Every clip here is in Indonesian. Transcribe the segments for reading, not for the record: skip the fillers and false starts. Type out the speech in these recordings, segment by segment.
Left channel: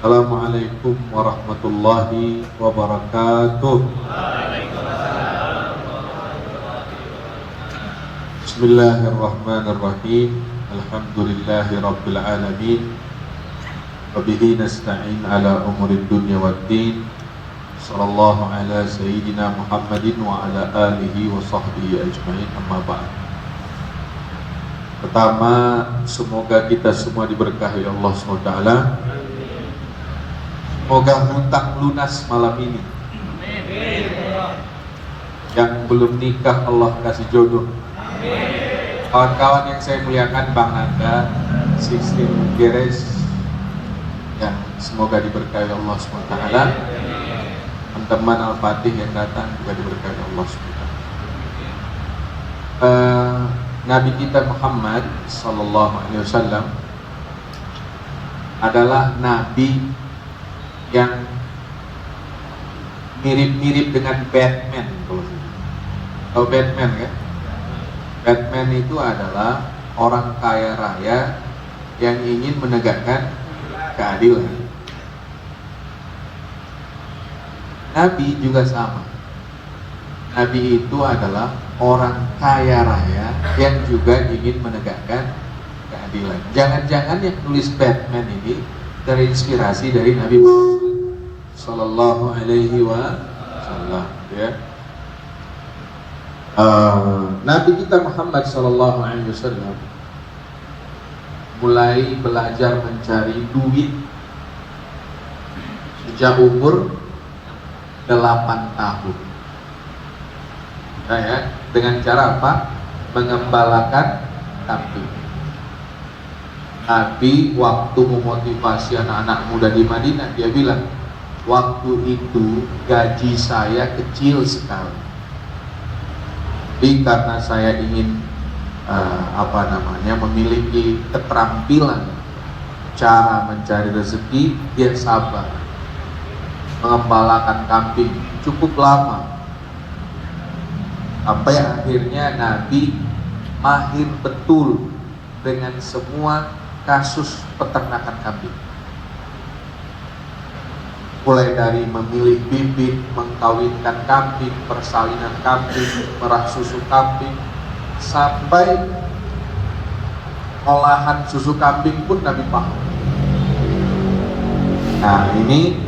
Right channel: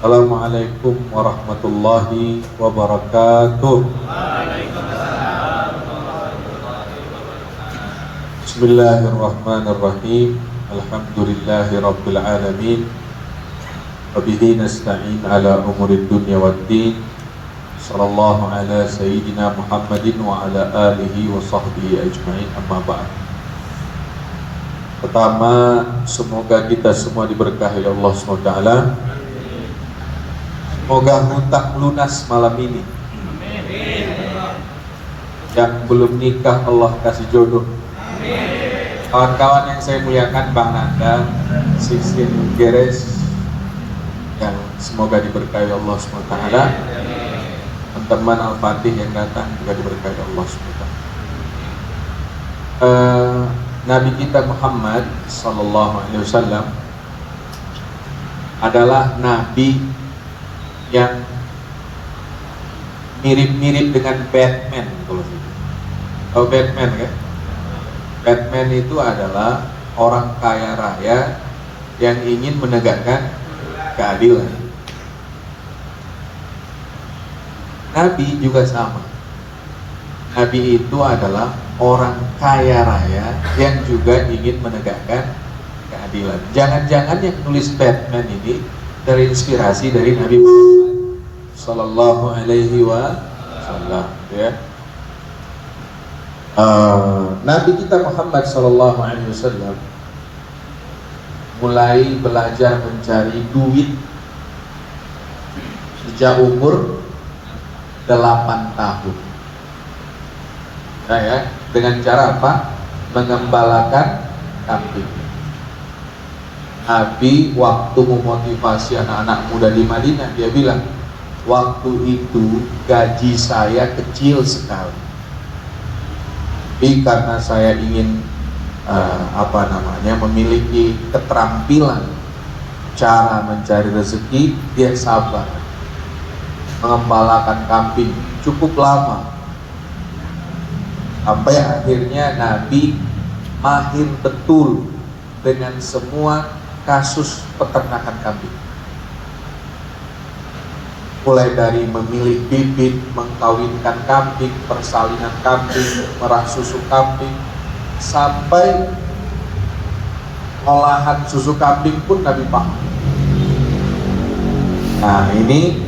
Assalamualaikum warahmatullahi wabarakatuh. Bismillahirrahmanirrahim. Alhamdulillahi rabbil alamin. Wabihi nasta'in ala umurid dunya waddin. Sallallahu ala sayyidina Muhammadin wa ala alihi wa sahbihi ajma'in, amma ba'd. Pertama, semoga kita semua diberkahi Allah SWT. Semoga hutang lunas malam ini. Yang belum nikah Allah kasih jodoh. Kawan-kawan yang saya muliakan, Bang Nanda, 16 Geres, yang semoga diberkahi Allah SWT. Teman-teman Al-Fatih yang datang juga diberkahi Allah SWT. Nabi kita Muhammad sallallahu alaihi wasallam adalah nabi yang mirip-mirip dengan Batman. Tahu Batman kan? Batman itu adalah orang kaya raya yang ingin menegakkan keadilan. Nabi juga sama. Nabi itu adalah orang kaya raya yang juga ingin menegakkan keadilan. Jangan-jangan yang nulis Batman ini terinspirasi dari Nabi Muhammad Sallallahu Alaihi Wasallam, ya. Nabi kita Muhammad Sallallahu Alaihi Wasallam mulai belajar mencari duit sejak umur 8 tahun. Nah, ya, dengan cara apa? Mengembalakan kambing. Nabi waktu memotivasi anak-anak muda di Madinah, dia bilang, waktu itu gaji saya kecil sekali. Tapi karena saya ingin memiliki keterampilan cara mencari rezeki, dia sabar mengembalakan kambing cukup lama. Sampai akhirnya Nabi mahir betul dengan semua kasus peternakan kambing. Mulai dari memilih bibit, mengkawinkan kambing, persalinan kambing, merah susu kambing, sampai olahan susu kambing pun Nabi paham. Nah, ini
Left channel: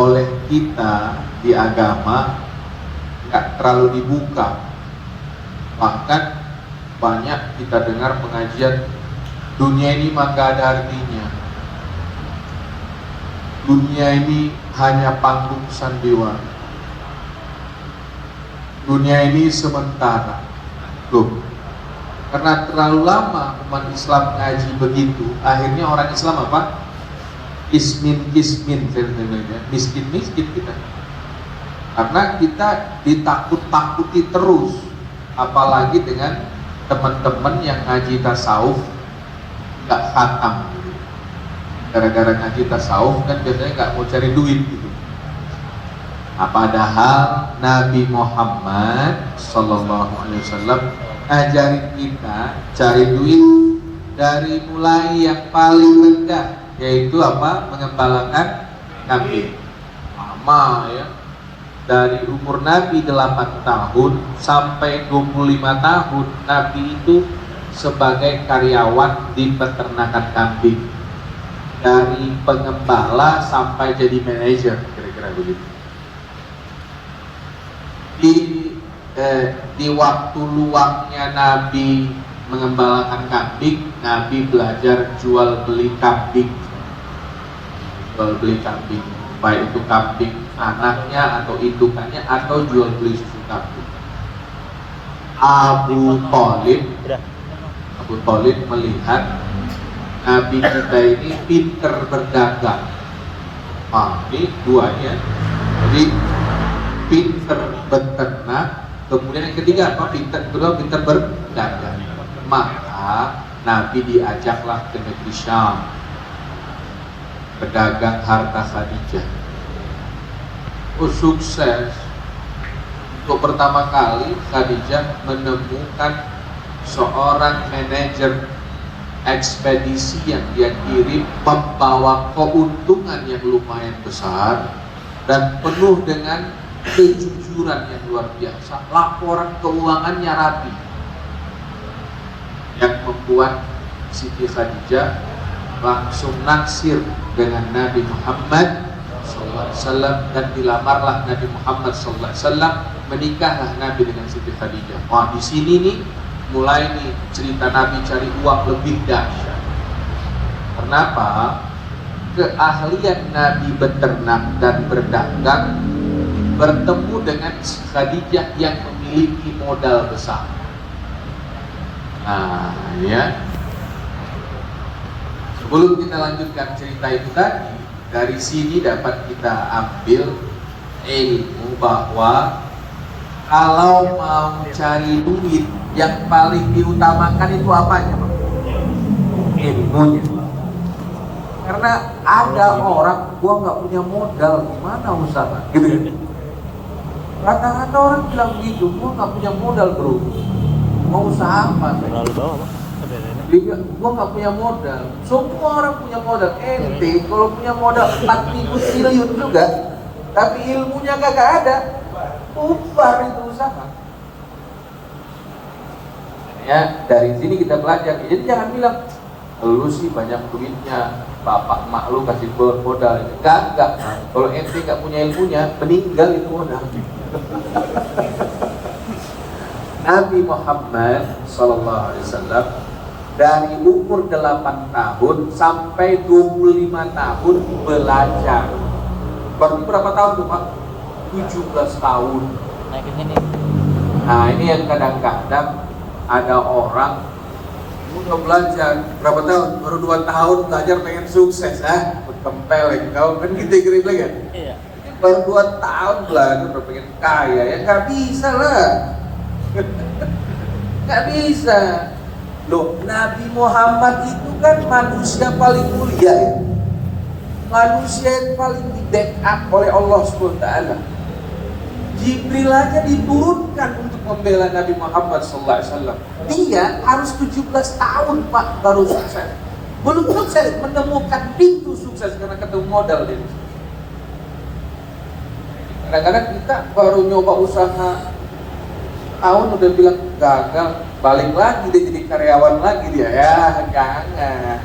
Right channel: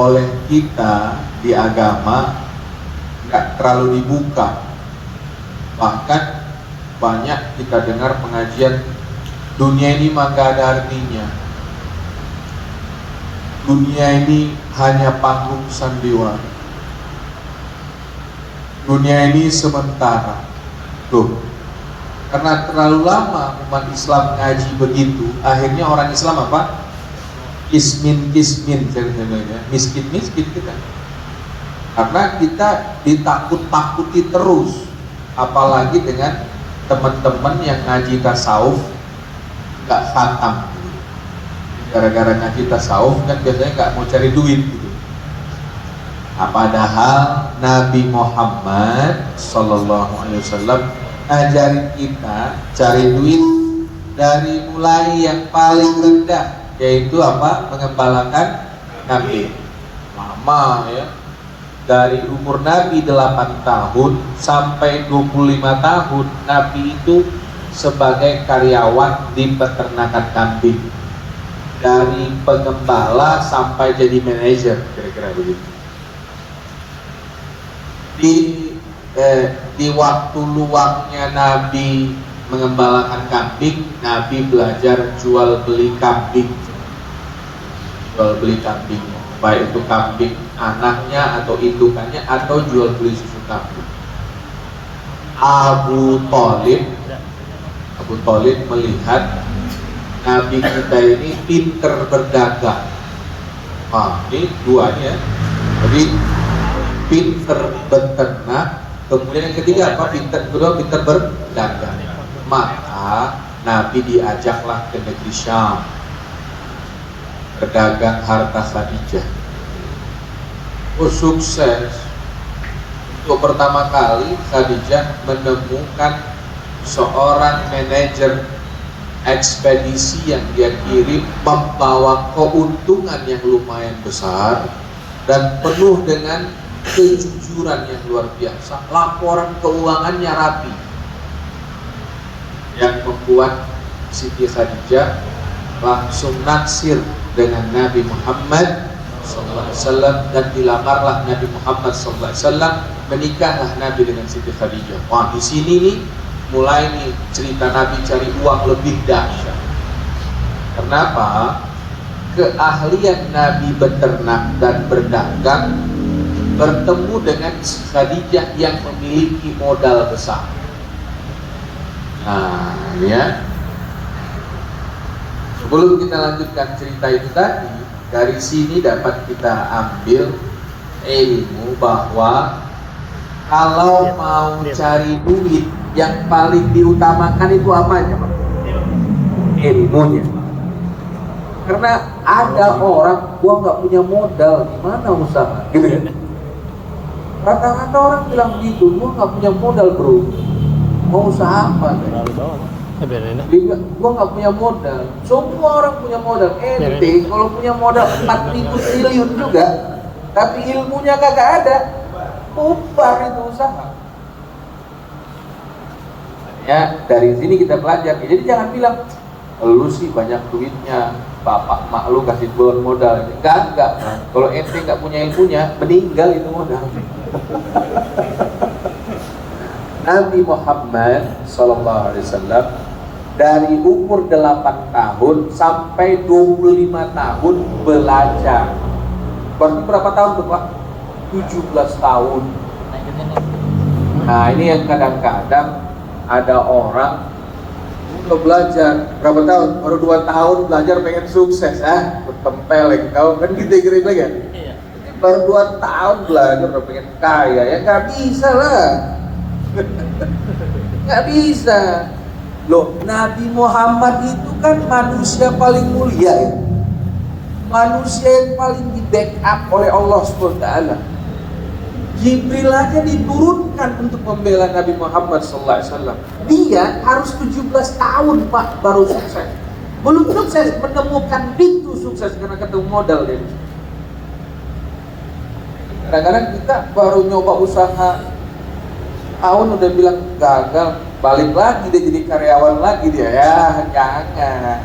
oleh kita di agama nggak terlalu dibuka. Bahkan banyak kita dengar pengajian, dunia ini mah gak ada artinya, dunia ini hanya panggung sandiwara, dunia ini sementara. Tuh, karena terlalu lama umat Islam ngaji begitu, akhirnya orang Islam apa? Kismin, miskin kita. Karena kita ditakut-takuti terus, apalagi dengan teman-teman yang ngaji tasawuf nggak khatam gitu. Gara-gara ngaji tasawuf kan biasanya nggak mau cari duit gitu. Nah, padahal Nabi Muhammad Sallallahu Alaihi Wasallam ngajarin kita cari duit dari mulai yang paling rendah, yaitu apa? Mengembalakan kambing. Lama, ya. Dari umur Nabi 8 tahun sampai 25 tahun Nabi itu sebagai karyawan di peternakan kambing. Dari pengembala sampai jadi manajer, kira-kira begitu. Di waktu luangnya Nabi mengembalakan kambing, Nabi belajar jual beli kambing. Jual beli kambing, baik itu kambing anaknya atau indukannya, atau jual beli susu kambing. Abu Thalib melihat Nabi kita ini pinter berdagang. Ini duanya. Jadi pinter beternak, kemudian yang ketiga apa? Kedua pinter berdagang. Maka Nabi diajaklah ke negeri Syam, berdagang harta Khadijah. Sukses. Untuk pertama kali Khadijah menemukan seorang manajer ekspedisi yang dia kirim membawa keuntungan yang lumayan besar dan penuh dengan kejujuran yang luar biasa. Laporan keuangannya rapi, yang membuat Siti Khadijah langsung naksir dengan Nabi Muhammad SAW, dan dilamarlah Nabi Muhammad SAW, menikahlah Nabi dengan Siti Khadijah. Wah, di sini nih mulai nih cerita Nabi cari uang lebih dahsyat. Kenapa? Keahlian Nabi beternak dan berdagang bertemu dengan Khadijah yang memiliki modal besar. Nah, ya. Sebelum kita lanjutkan cerita itu tadi, dari sini dapat kita ambil ilmu bahwa kalau mau cari duit, yang paling diutamakan itu apanya? Ilmunya. Karena ada orang, gua nggak punya modal, gimana usaha? Gitu kan? Kata-kata orang bilang begitu, gua nggak punya modal bro, mau usaha apa? Gua nggak punya modal. Semua orang punya modal. Ente kalau punya modal 4.000 triliun juga, tapi ilmunya kagak ada, bubar itu usaha. Ya, dari sini kita belajar. Jadi jangan bilang lu sih banyak duitnya, bapak mak lu kasih gua modal. Enggak. Kalau ente nggak punya ilmunya, meninggal itu modal. Nabi Muhammad SAW dari umur 8 tahun sampai 25 tahun belajar. Berarti berapa tahun tuh Pak? 17 tahun. Nah ini yang kadang-kadang ada orang udah belajar berapa tahun? Baru 2 tahun belajar pengen sukses. Tempel lagi tahun kan gitu kira-kira ya? Iya. Baru 2 tahun belajar udah pengen kaya, ya nggak bisa lah. Nggak bisa. Loh, Nabi Muhammad itu kan manusia paling mulia ya? Manusia yang paling di backup oleh Allah SWT. Jibril aja diturunkan untuk membela Nabi Muhammad SAW. Dia harus 17 tahun Pak baru sukses. Belum sukses, menemukan pintu sukses karena ketemu modal dia. Kadang-kadang kita baru nyoba usaha tahun udah bilang gagal, balik lagi dia jadi karyawan lagi dia. Ya jangan,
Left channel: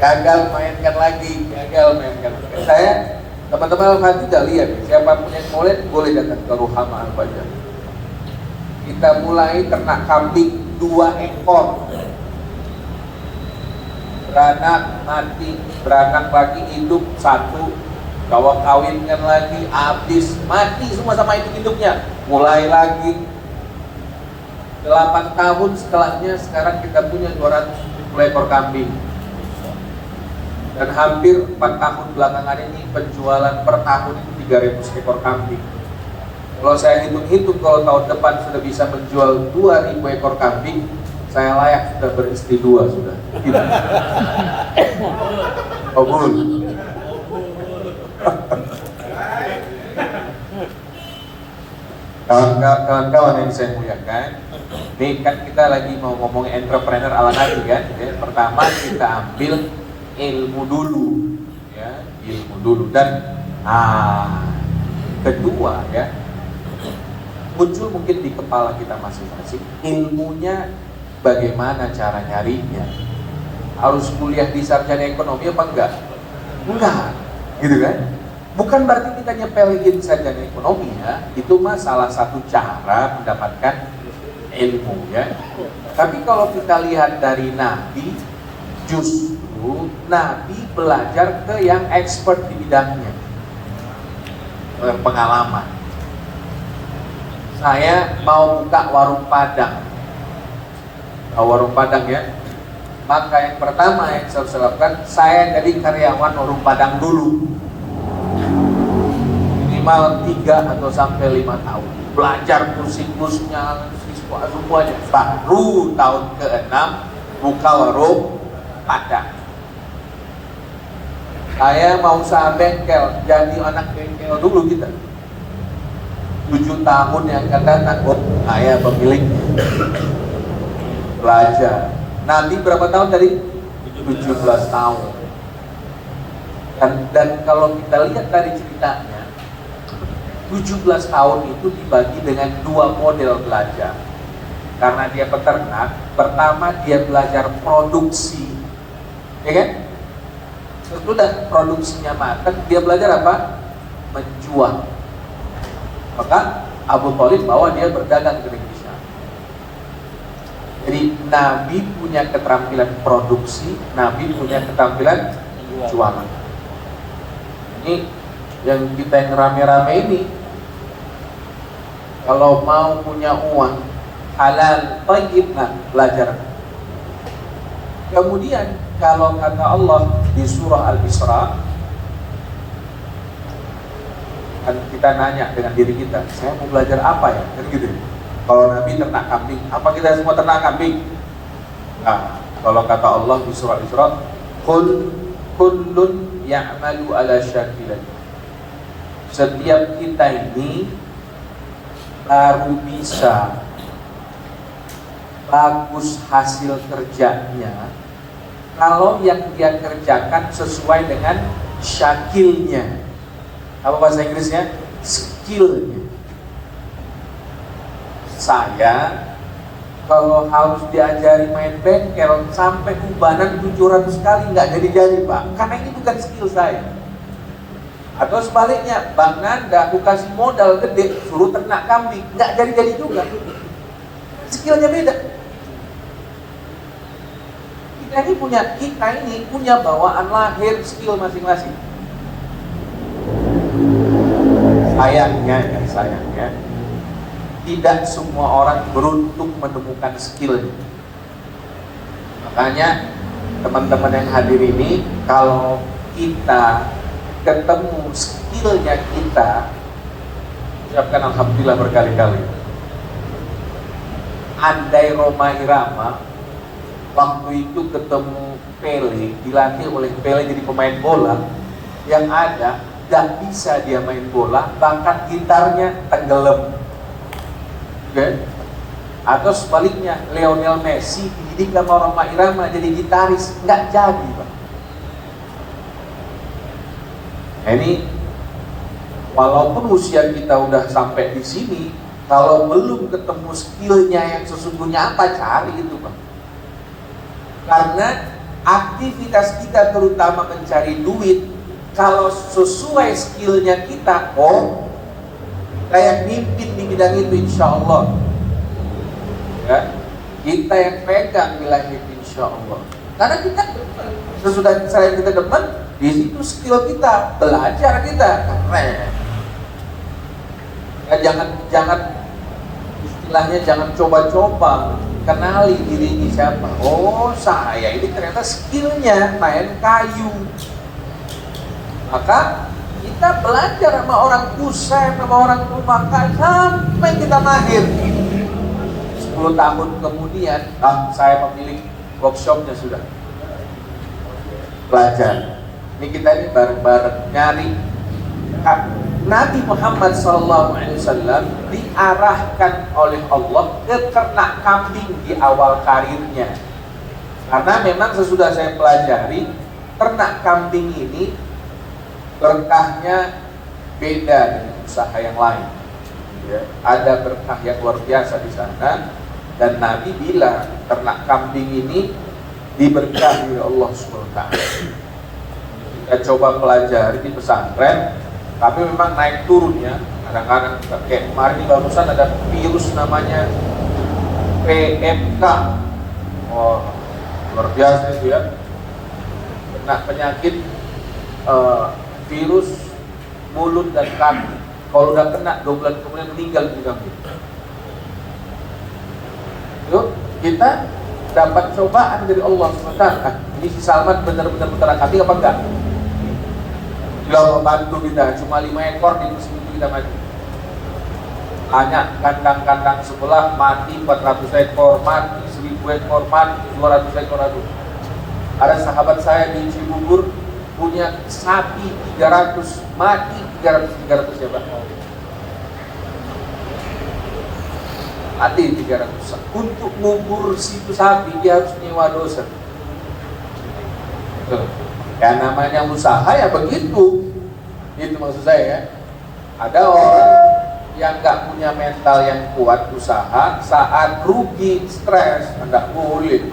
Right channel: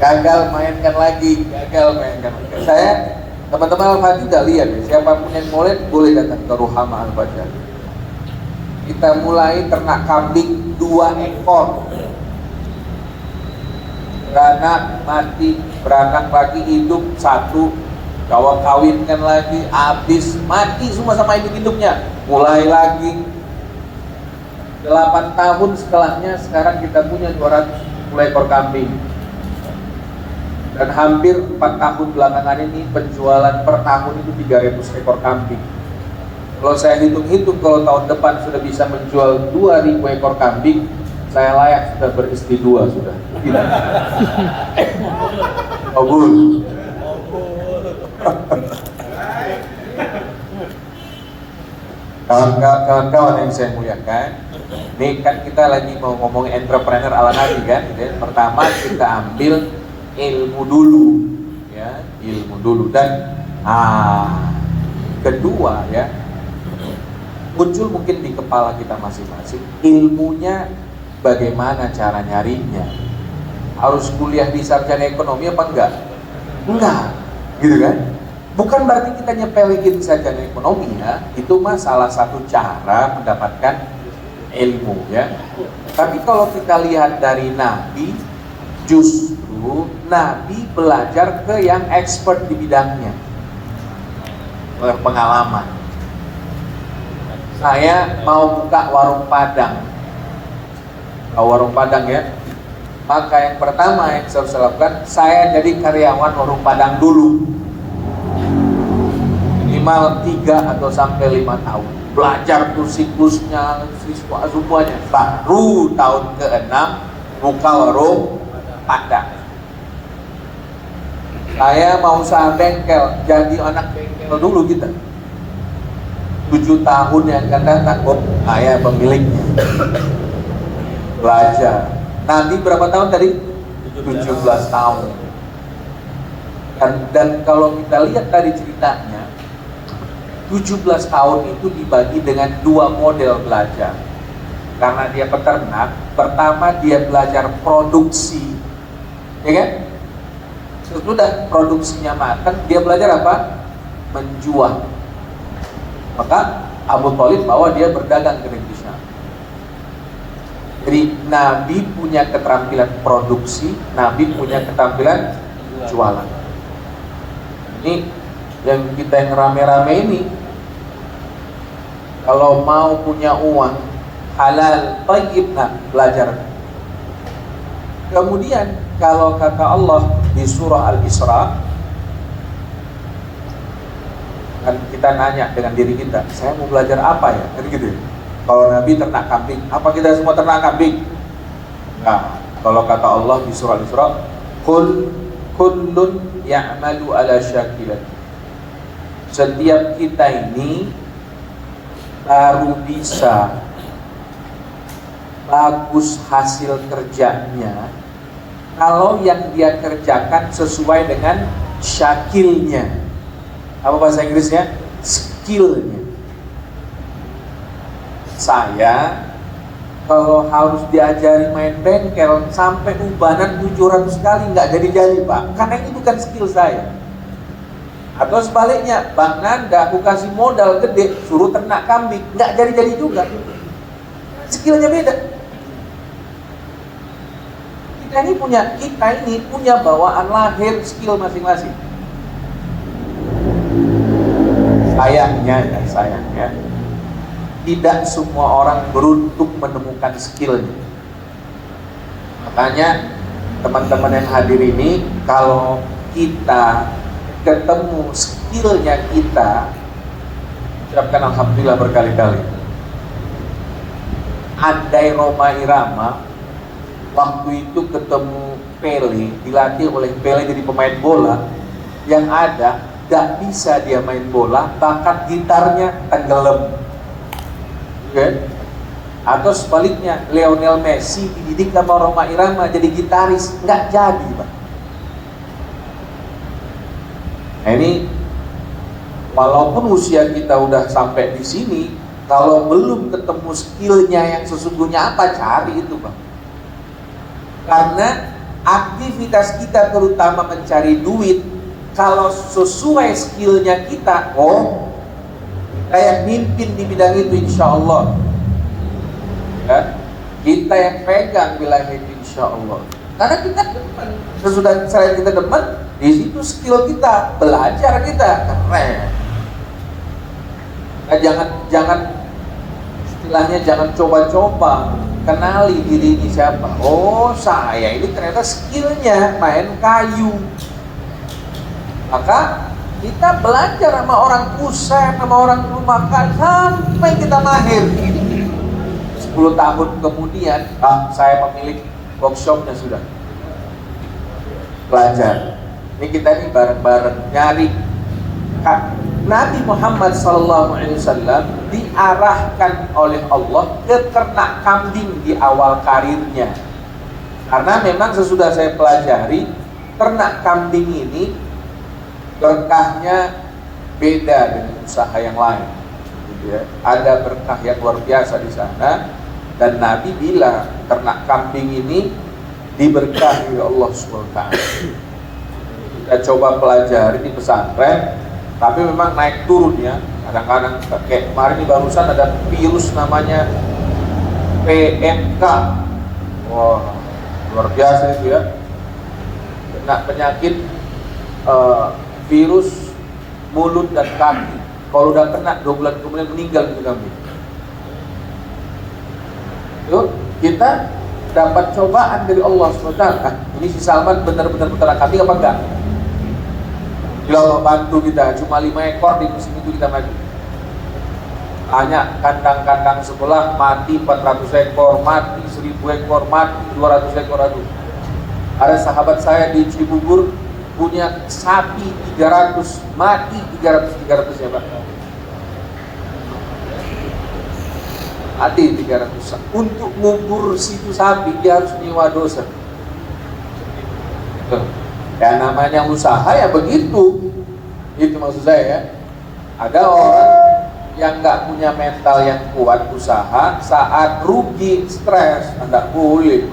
gagal mainkan lagi. Saya teman-teman Al-Fajr juga lihat ya, siapapun yang boleh datang ke Ruhama Al-Fajr. Kita mulai ternak kambing 2 ekor, beranak mati, beranak lagi hidup 1, cowok kawinkan lagi, habis mati semua sama induk-induknya, mulai lagi. 8 tahun setelahnya sekarang kita punya 270 ekor kambing. Dan hampir 4 tahun belakangan ini penjualan per tahun itu 300 ekor kambing. Kalau saya hitung-hitung, kalau tahun depan sudah bisa menjual 2.000 ekor kambing, saya layak sudah beristri 2 sudah. Obul. Kawan-kawan yang saya muliakan, ini kan kita lagi mau ngomong entrepreneur ala Nabi kan, gitu ya. Pertama kita ambil ilmu dulu, ya, ilmu dulu. Dan kedua ya, muncul mungkin di kepala kita masing-masing, ilmunya bagaimana cara nyarinya. Harus kuliah di sarjana ekonomi apa enggak? Enggak, gitu kan? Bukan berarti kita nyepelekin sarjana ekonomi ya. Itu mah salah satu cara mendapatkan ilmu ya. Tapi kalau kita lihat dari Nabi, justru Nabi belajar ke yang expert di bidangnya, pengalaman. Saya mau buka warung Padang, warung Padang ya. Maka yang pertama yang saya lakukan, saya jadi karyawan warung Padang dulu, minimal 3 atau sampai 5 tahun. Belajar tuh siklusnya, semuanya. Baru tahun ke-6 buka warung Padang. Saya mau usaha bengkel, jadi anak bengkel dulu kita. 7 tahun yang akan datang, saya pemiliknya. Belajar. Nabi berapa tahun tadi? 17 tahun. Dan kalau kita lihat tadi ceritanya, 17 tahun itu dibagi dengan 2 model belajar. Karena dia peternak, pertama dia belajar produksi, ya kan? Sesudah produksinya matang, dia belajar apa? Menjual. Maka Abu Thalib bawa dia berdagang ke negeri Syam. Jadi Nabi punya keterampilan produksi, Nabi punya keterampilan jualan. Ini yang kita yang rame-rame ini, kalau mau punya uang halal, thayyib, belajar. Kemudian kalau kata Allah di surah Al-Isra, kan kita nanya dengan diri kita, saya mau belajar apa ya? Kan gitu ya. Kalau Nabi ternak kambing, apa kita semua ternak kambing? Nah, kalau kata Allah di surah Al-Isra, kullun ya'malu ala syakilat. Setiap kita ini baru bisa bagus hasil kerjanya kalau yang dia kerjakan sesuai dengan syakilnya. Apa bahasa Inggrisnya? Skillnya. Saya kalau harus diajari main bengkel sampai ubanan 700 kali nggak jadi Pak, karena ini bukan skill saya. Atau sebaliknya, Bang Nanda aku kasih modal gede suruh ternak kambing, nggak jadi juga, karena skillnya beda. Kita ini punya bawaan lahir skill masing-masing. Sayangnya tidak semua orang beruntung menemukan skillnya. Makanya teman-teman yang hadir ini, kalau kita ketemu skillnya kita, ucapkan alhamdulillah berkali-kali. Andai Roma Irama waktu itu ketemu Pele, dilatih oleh Pele jadi pemain bola, yang ada gak bisa dia main bola, bakat gitarnya tenggelam. Okay? Atau sebaliknya, Lionel Messi dididik sama Roma Irama jadi gitaris, nggak jadi, Pak. Nah ini, walaupun usia kita udah sampai di sini, kalau belum ketemu skillnya yang sesungguhnya apa, cari itu, Pak. Karena aktivitas kita terutama mencari duit, kalau sesuai skillnya kita, kita yang mimpin di bidang itu insya Allah, ya, kita yang pegang wilayah itu insya Allah. Karena kita demen, sesudah saya kita demen, di situ skill kita, belajar kita keren. Maka jangan istilahnya jangan coba-coba, kenali diri ini siapa. Oh, saya ini ternyata skillnya main kayu. Maka kita belajar sama orang kusen, sama orang rumahan sampai kita lahir. 10 tahun kemudian, saya memiliki workshopnya sudah belajar. Ini kita ini bareng-bareng nyari. Nabi Muhammad SAW diarahkan oleh Allah ke ternak kambing di awal karirnya. Karena memang sesudah saya pelajari, ternak kambing ini berkahnya beda dengan usaha yang lain. Ya, ada berkah yang luar biasa di sana, dan Nabi bilang ternak kambing ini diberkahi oleh Allah SWT. Kita coba pelajari di pesantren, tapi memang naik turun ya. Kadang-kadang kayak kemarin di barusan ada virus namanya PMK. Wah, luar biasa itu ya. Kena penyakit virus mulut dan kaki. Kalau udah kena 2 bulan kemudian meninggal di kambing. Yuk, kita dapat cobaan dari Allah SWT. Ini si Salman benar-benar ternak kambing apa enggak? Alhamdulillah membantu kita. Cuma 5 ekor di musim itu kita mati. Banyak kandang-kandang sekolah mati 400 ekor, mati 1000 ekor, mati 200 ekor. Ada sahabat saya di Cibubur punya sapi 300, mati 300 ya Pak. mati 300. Untuk ngubur situ sapi dia harus nyewa dosen. Ya namanya usaha ya begitu. Itu maksud saya ya. Ada orang yang nggak punya mental yang kuat usaha, saat rugi, stres, tidak boleh.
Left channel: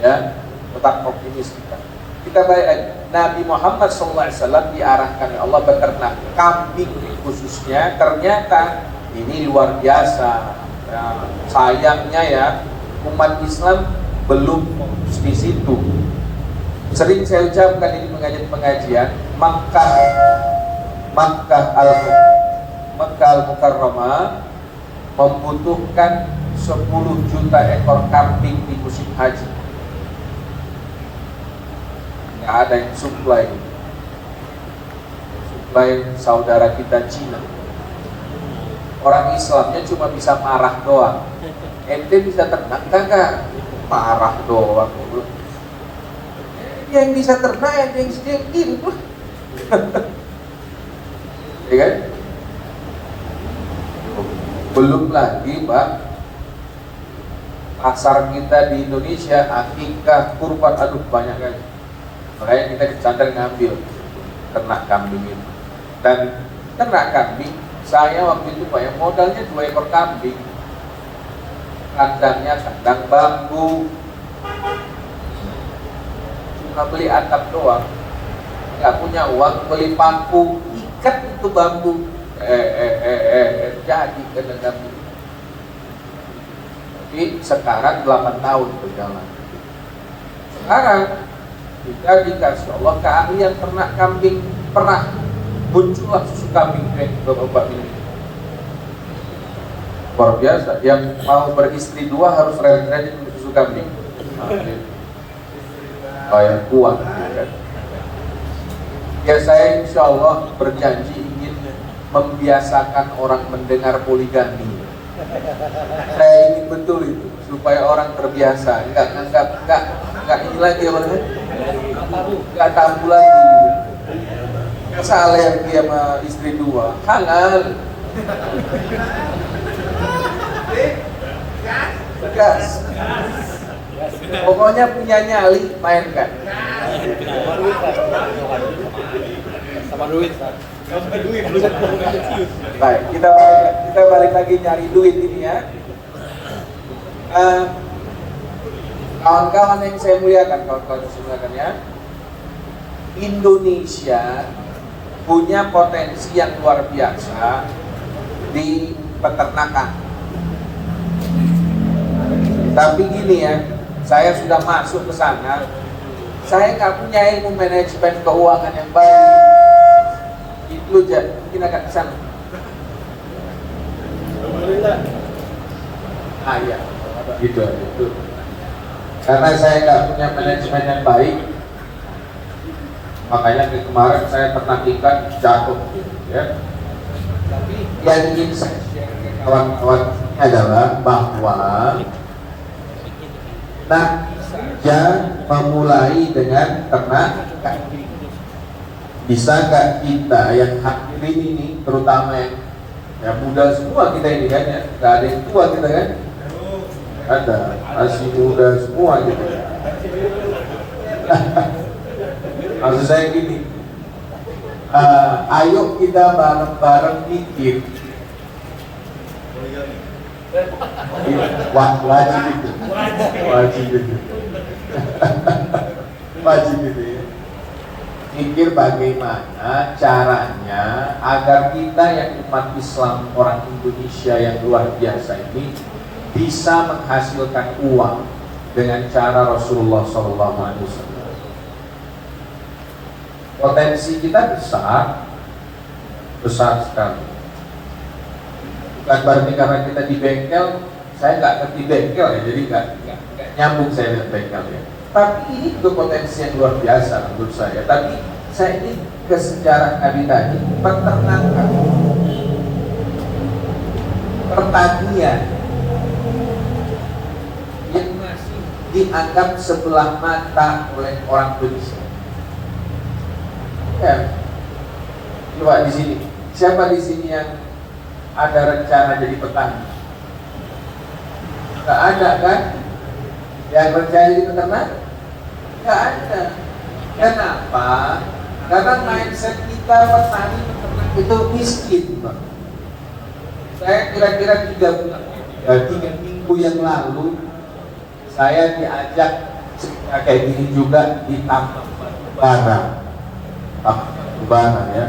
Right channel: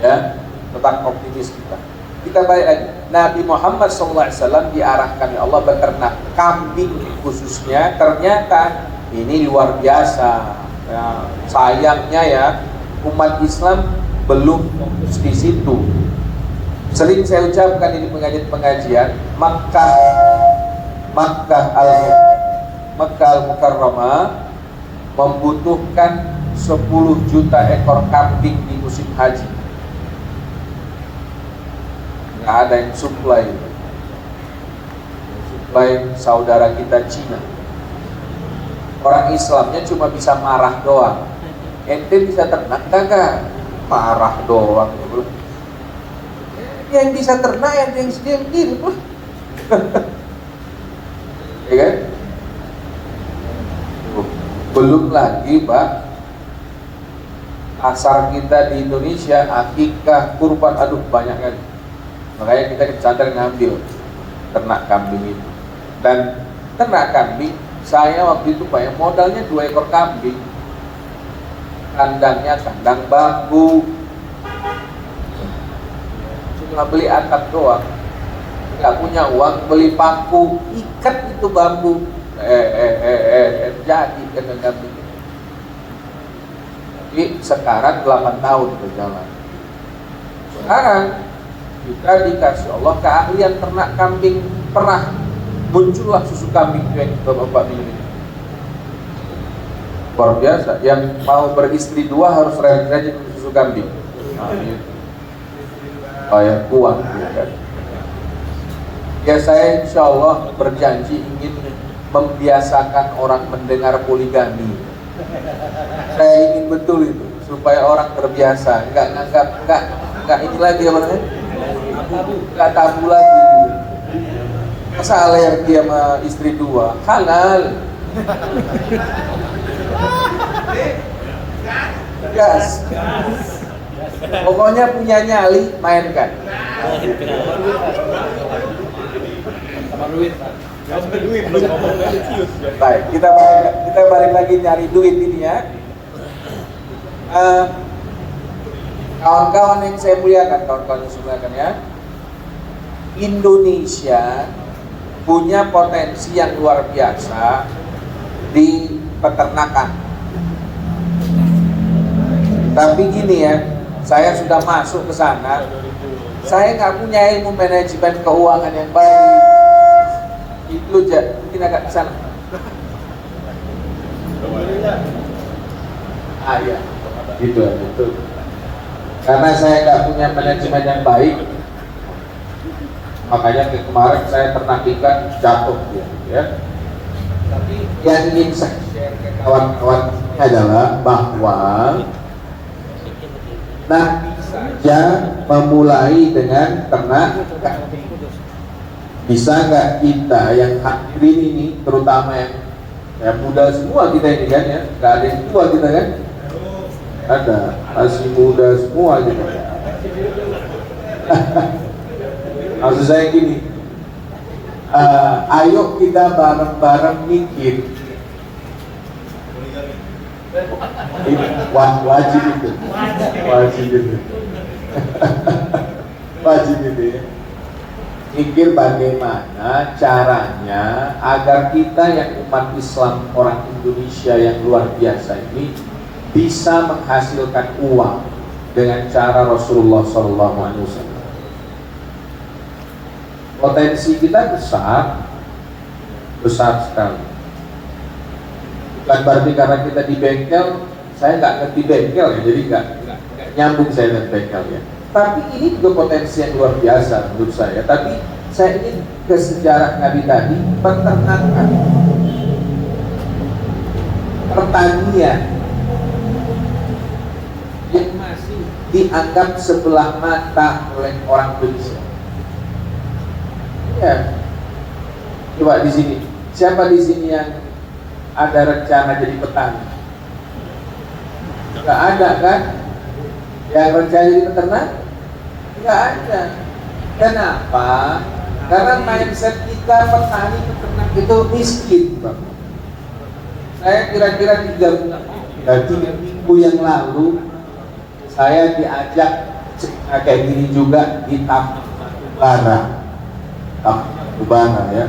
Ya, tetap optimis kita. Kita bayangkan Nabi Muhammad SAW diarahkan oleh Allah beternak kambing khususnya. Ternyata ini luar biasa. Ya, sayangnya ya umat Islam belum fokus di situ. Sering saya ucapkan ini pengajian-pengajian, Makkah Al-Mukarramah membutuhkan 10 juta ekor kambing di musim haji. Nggak ada yang supply saudara kita Cina. Orang Islamnya cuma bisa marah doang. Ente bisa ternak kagak? Marah doang. Yang bisa ternak yang gitu. Ya kan? Belum lagi Pak, pasar kita di Indonesia akikah kurban, aduh banyak kan. Makanya kita sadar ngambil ternak kambing itu. Dan ternak kambing, saya waktu itu Pak, modalnya 2 ekor kambing. Kandangnya kandang bambu, cuma beli atap doang, nggak punya uang beli paku, ikat itu bambu, jadi kena kambing. Tapi sekarang 8 tahun itu jangan. Sekarang kita dikasih Allah keahlian ternak kambing perah, muncullah susu kambing yang bapak minum. Luar biasa. Yang mau beristri 2 harus rajin susu kambing. Bayar kuat. Ya saya insya Allah berjanji ingin membiasakan orang mendengar poligami. Saya ingin betul itu supaya orang terbiasa, enggak ini lagi apa namanya? Enggak tabu lagi. Masa alergi sama istri 2? Halal. Gas. Pokoknya punya nyali mainkan. Baik, kita balik lagi nyari duit ini ya. Kawan-kawan yang saya muliakan, ya. Indonesia punya potensi yang luar biasa di peternakan. Tapi gini ya, saya sudah masuk ke sana, saya nggak punya ilmu manajemen keuangan yang baik. Itu aja, mungkin agak salah. Ya, gitu. Karena saya nggak punya manajemen yang baik, makanya kemarin saya ternak ikan jatuh, ya. Tapi yang ingin saya share ke kawan-kawan ini adalah bahwa Nabi saja memulai dengan ternak kambing. Bisa nggak kita yang hadirin ini, terutama yang muda semua kita ini kan ya, nggak ada yang tua kita kan? Ada, masih muda semua gitu. Maksud saya gini, ayo kita bareng-bareng mikir. Wajib itu. Wajib itu ya. Mikir bagaimana caranya agar kita yang umat Islam orang Indonesia yang luar biasa ini bisa menghasilkan uang dengan cara Rasulullah SAW. Potensi kita besar sekali. Bukan berarti karena kita di bengkel, saya nggak ngerti bengkel ya, jadi nggak nyambung saya dengan bengkel ya. Tapi ini juga potensi yang luar biasa menurut saya. Tapi saya ingin ke sejarah Nabi tadi, peternakan, pertanian yang masih dianggap sebelah mata oleh orang Indonesia. Ya, coba di sini, siapa di sini yang ada rencana jadi petani? Nggak ada kan? Yang percaya jadi peternak? Nggak ada. Kenapa? Karena mindset kita petani peternak itu miskin, Bang. Saya kira-kira 3 minggu yang lalu saya diajak cerita kayak gini juga di tambang batu bara. Tambang batu bara ya.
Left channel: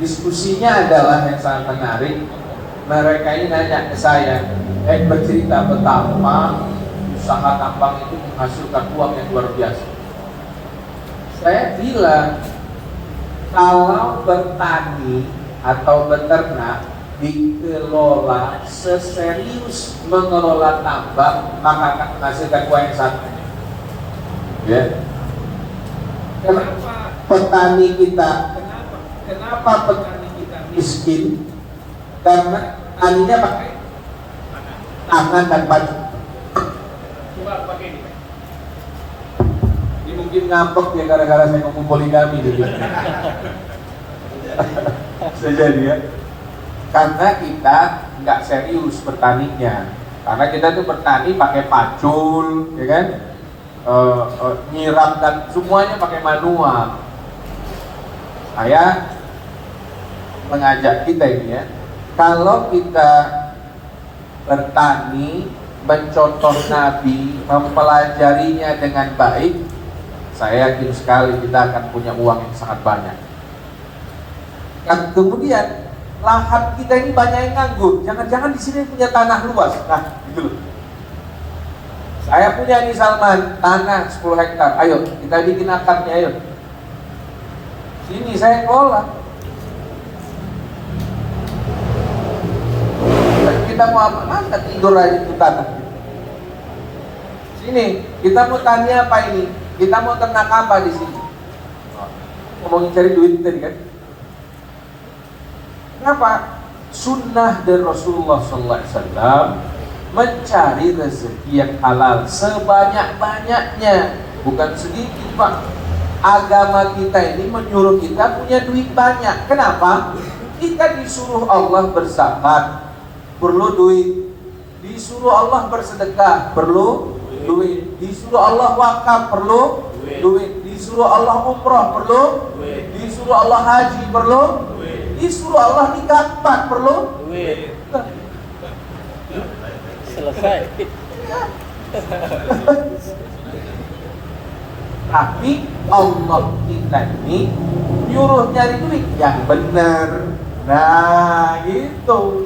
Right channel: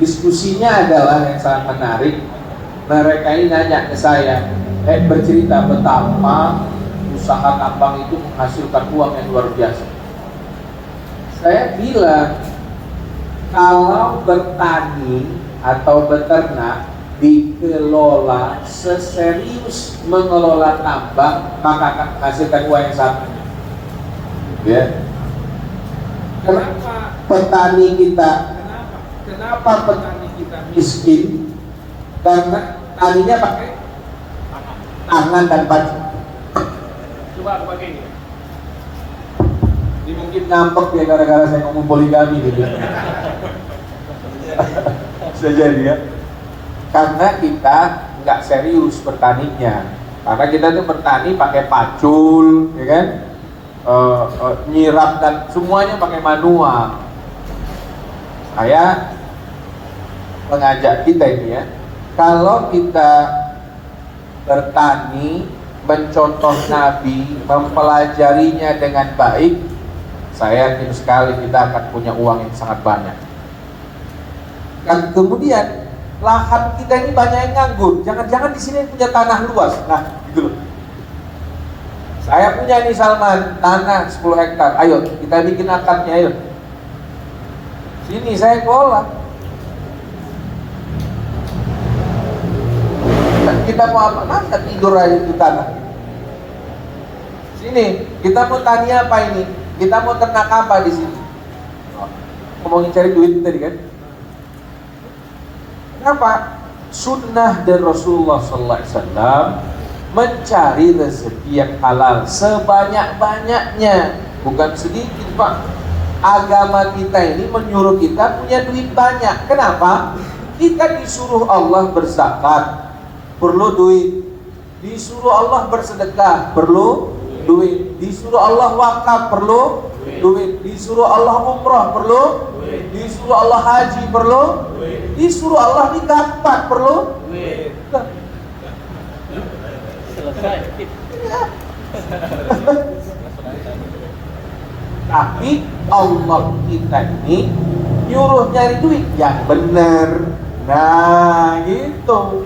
Diskusinya adalah yang sangat menarik. Mereka ini nanya ke saya, bercerita betapa usaha tambang itu menghasilkan uang yang luar biasa. Saya bilang, kalau bertani atau beternak dikelola seserius mengelola tambang, maka akan menghasilkan uang yang sama. Ya. Kenapa petani kita? Kenapa petani kita miskin? Karena taninya pakai tangan dan baju. Coba aku pakai ini, Pak. Ini mungkin ngambek ya gara-gara saya ngomong poligami gitu. Bisa jadi ya. Karena kita nggak serius bertaninya. Karena kita itu bertani pakai pacul, ya kan? Nyiram dan semuanya pakai manual. Saya mengajak kita ini ya, kalau kita bertani, mencontoh Nabi, mempelajarinya dengan baik, saya yakin sekali kita akan punya uang yang sangat banyak. Dan kemudian lahan kita ini banyak yang nganggur. Jangan-jangan di sini punya tanah luas. Nah, gitu. Saya punya nih Salman, tanah 10 hektar. Ayo, kita bikin akarnya, ayo. Sini saya kelola. Nah, kita mau apa? Mana tidur aja kita. Sini, kita mau tanya apa ini? Kita mau ternak apa di sini? Ngomongin cari duit tadi kan? Kenapa? Sunnah dari Rasulullah SAW mencari rezeki yang halal sebanyak-banyaknya, bukan sedikit, Pak. Agama kita ini menyuruh kita punya duit banyak. Kenapa? Kita disuruh Allah berzakat, perlu duit. Disuruh Allah bersedekah, perlu duit. Disuruh Allah wakaf, perlu duit. Disuruh Allah umrah, perlu duit. Disuruh Allah haji, perlu duit. Disuruh Allah nikah, perlu duit. Selesai. Tapi Allah kita ini nyuruh nyari duit yang benar. Nah gitu.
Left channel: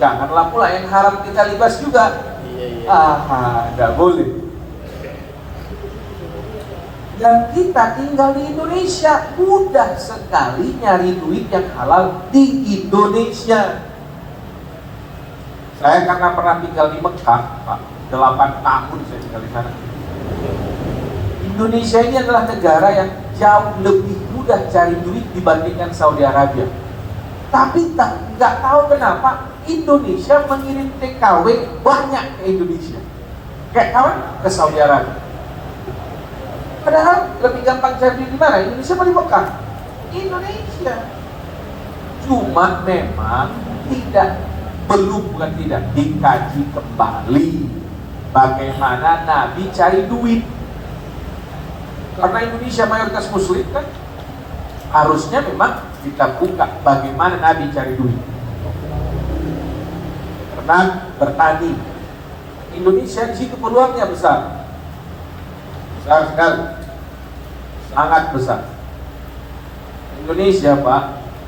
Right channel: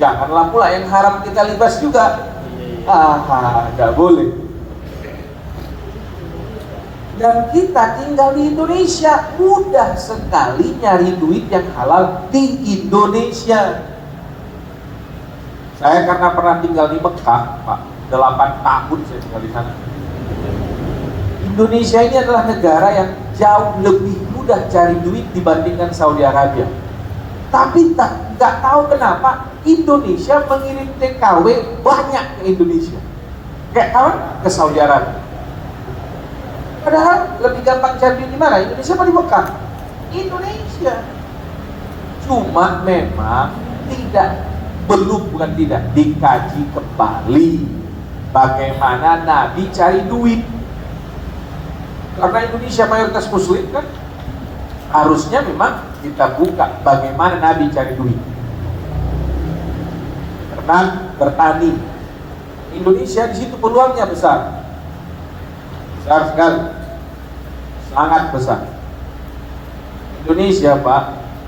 Janganlah pula yang haram kita libas juga. Tidak boleh. Dan kita tinggal di Indonesia, mudah sekali nyari duit yang halal di Indonesia. Saya karena pernah tinggal di Mekah, Pak, 8 tahun saya tinggal di sana. Indonesia ini adalah negara yang jauh lebih mudah cari duit dibandingkan Saudi Arabia. Tapi nggak tahu kenapa Indonesia mengirim TKW banyak ke Indonesia. Kayak apa? Ke Saudi Arabia. Padahal lebih gampang cari di mana? Indonesia apa di Mekah? Indonesia. Cuma memang bukan tidak dikaji kembali bagaimana Nabi cari duit. Karena Indonesia mayoritas Muslim kan, harusnya memang kita buka bagaimana Nabi cari duit. Karena bertani, Indonesia di situ peluangnya besar sekali, sangat besar. Indonesia, Pak,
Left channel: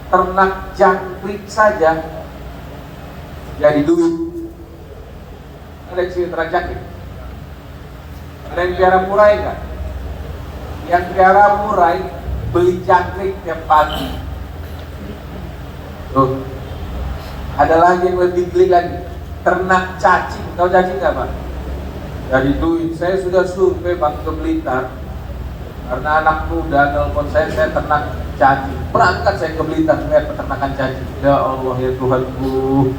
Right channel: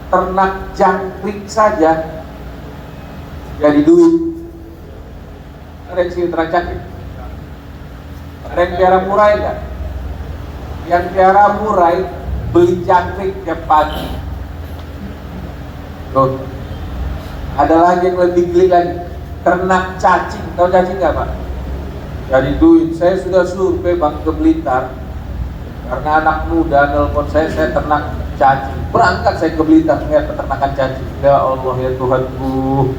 ternak jangkrik saja jadi duit. Ada yang sini ternak jangkrik? Ada yang piara murai enggak? Yang piara murai beli jangkrik tiap pagi. Loh, ada lagi yang lebih geli lagi, ternak cacing. Tahu cacing nggak, Pak? Jadi duit. Saya sudah survei Bang ke Blitar, karena anak muda nelfon saya ternak cacing. Berangkat saya ke Blitar lihat peternakan cacing. Ya Allah ya Tuhanku,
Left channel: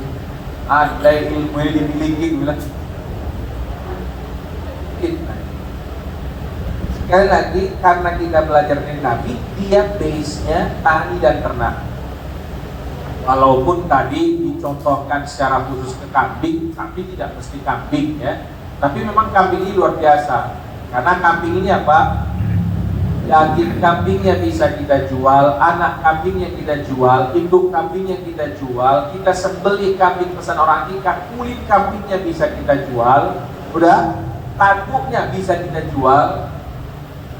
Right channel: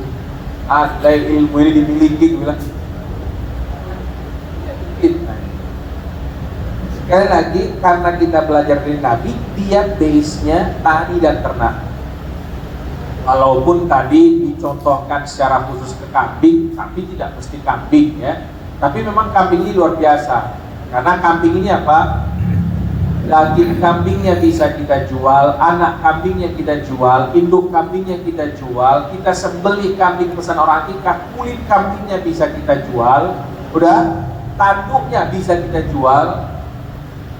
ada ilmu ini dimiliki, bilang. Sekali lagi, karena kita belajar dari Nabi, dia base-nya tani dan ternak. Walaupun tadi dicontohkan secara khusus ke kambing, tapi tidak mesti kambing ya. Tapi memang kambing ini luar biasa. Karena kambing ini apa? Daging kambingnya bisa kita jual, anak kambingnya kita jual, induk kambingnya kita jual, kita sembelih kambing pesan orang akikah, kulit kambingnya bisa kita jual, udah, tanduknya bisa kita jual,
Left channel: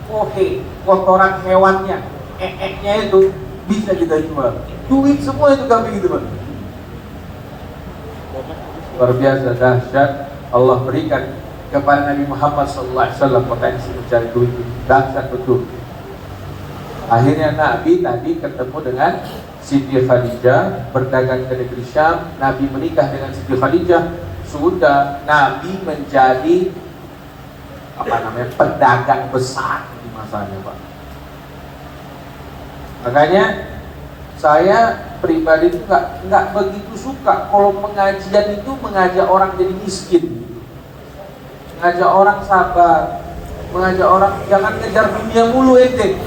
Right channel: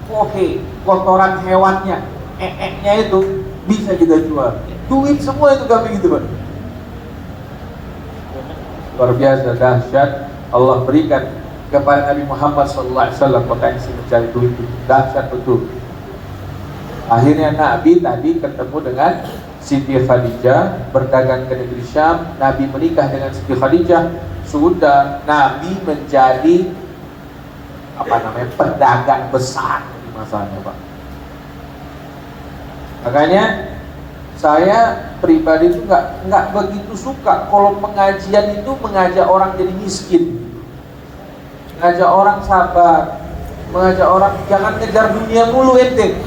kohe, kotoran hewannya, eknya itu bisa kita jual. Duit semua itu kambing itu, Bang. Luar biasa dahsyat Allah berikan kepada Nabi Muhammad SAW potensi mencari duit itu dahsyat betul. Akhirnya Nabi tadi ketemu dengan Siti Khadijah, berdagang ke negeri Syam. Nabi menikah dengan Siti Khadijah. Sudah Nabi menjadi pedagang besar di masanya, Pak. Makanya saya pribadi itu nggak begitu suka kalau pengajian itu mengajak orang jadi miskin, mengajak orang sabar, mengajak orang jangan ngejar dunia mulu ente.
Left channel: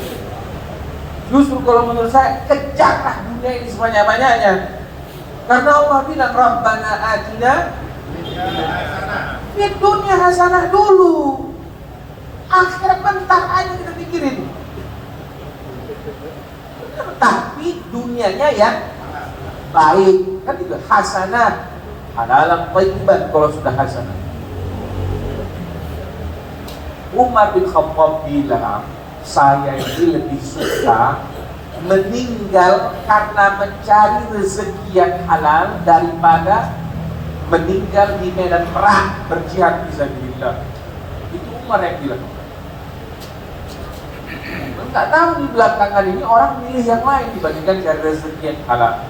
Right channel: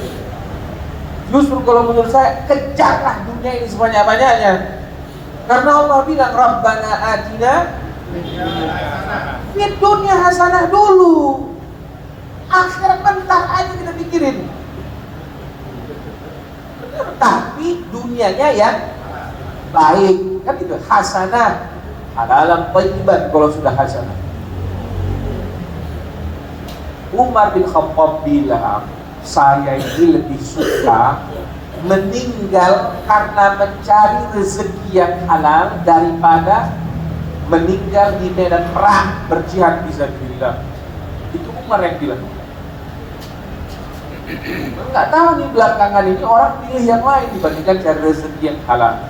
Justru kalau menurut saya kejarlah dunia ini sebanyak-banyaknya. Karena Allah bilang Rabbana atina fid dunya hasanah dulu. Akhirat bentar aja kita pikirin. Benar, tapi dunianya ya baik, kan gitu, hasanah, halalan thayyiban kalau sudah hasanah. Umar bin Khattab bilang, saya ini lebih suka meninggal karena mencari rezeki yang halal daripada meninggal di medan perang berjihad fisabilillah. Itu Umar yang bilang. Enggak tahu di belakangan ini orang pilih yang lain dibandingkan cari rezeki yang halal.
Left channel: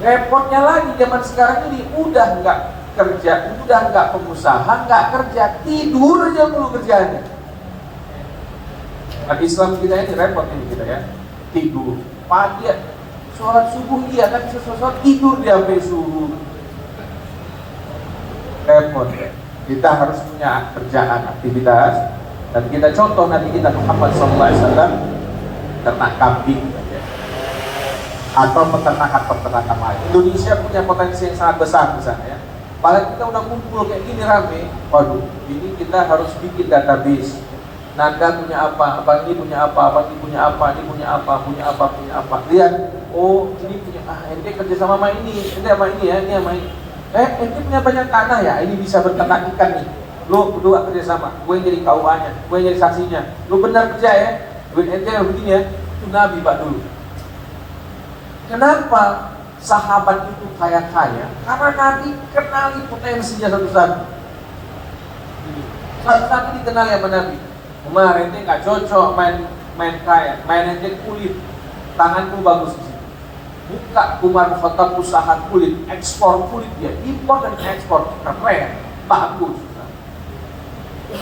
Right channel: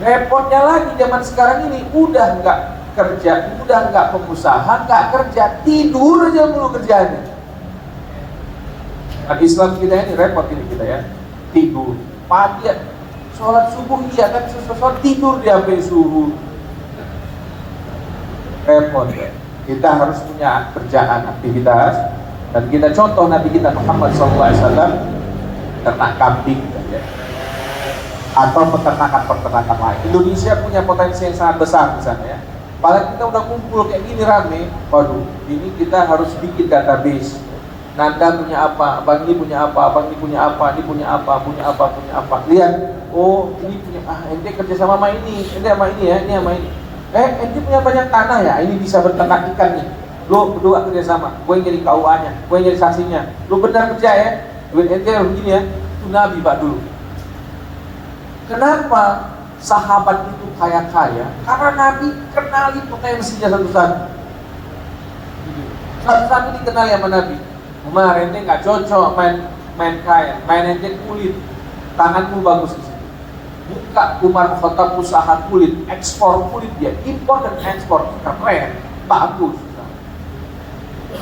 Repotnya lagi zaman sekarang ini udah nggak kerja, udah nggak pengusaha, nggak kerja, tidur aja dulu kerjaannya. Nah, Islam kita ini repot ini kita ya, tidur, pagi ya, sholat subuh iya, tapi sholat tidur di HP subuh. Repot ya. Kita harus punya kerjaan, aktivitas. Dan kita contoh Nabi kita Muhammad SAW ternak kambing saja, atau peternakan lain. Indonesia punya potensi yang sangat besar di sana ya. Paling kita udah kumpul kayak gini rame, waduh, ini kita harus bikin database. Nanda punya apa, Bagi punya apa, Bagi punya apa, ini punya apa, punya apa, punya apa. Lihat, oh ini punya, ente kerja sama ini, ente sama ini ya, ini sama ini. Ente punya banyak tanah ya, ini bisa berternak ikan nih. Lu berdua kerja sama, gue yang jadi KUA-nya, gue yang jadi saksinya. Lu benar kerja ya, duit ente harus begini ya. Itu Nabi Pak dulu. Kenapa sahabat itu kaya-kaya? Karena Nabi kenali potensinya satu-satu. Satu-satu dikenali sama Nabi. Umar ente nggak cocok main kain, main ente kulit, tanganku bagus di situ. Buka Umar Khattab usaha kulit, ekspor kulit dia, impor dan ekspor, keren, bagus.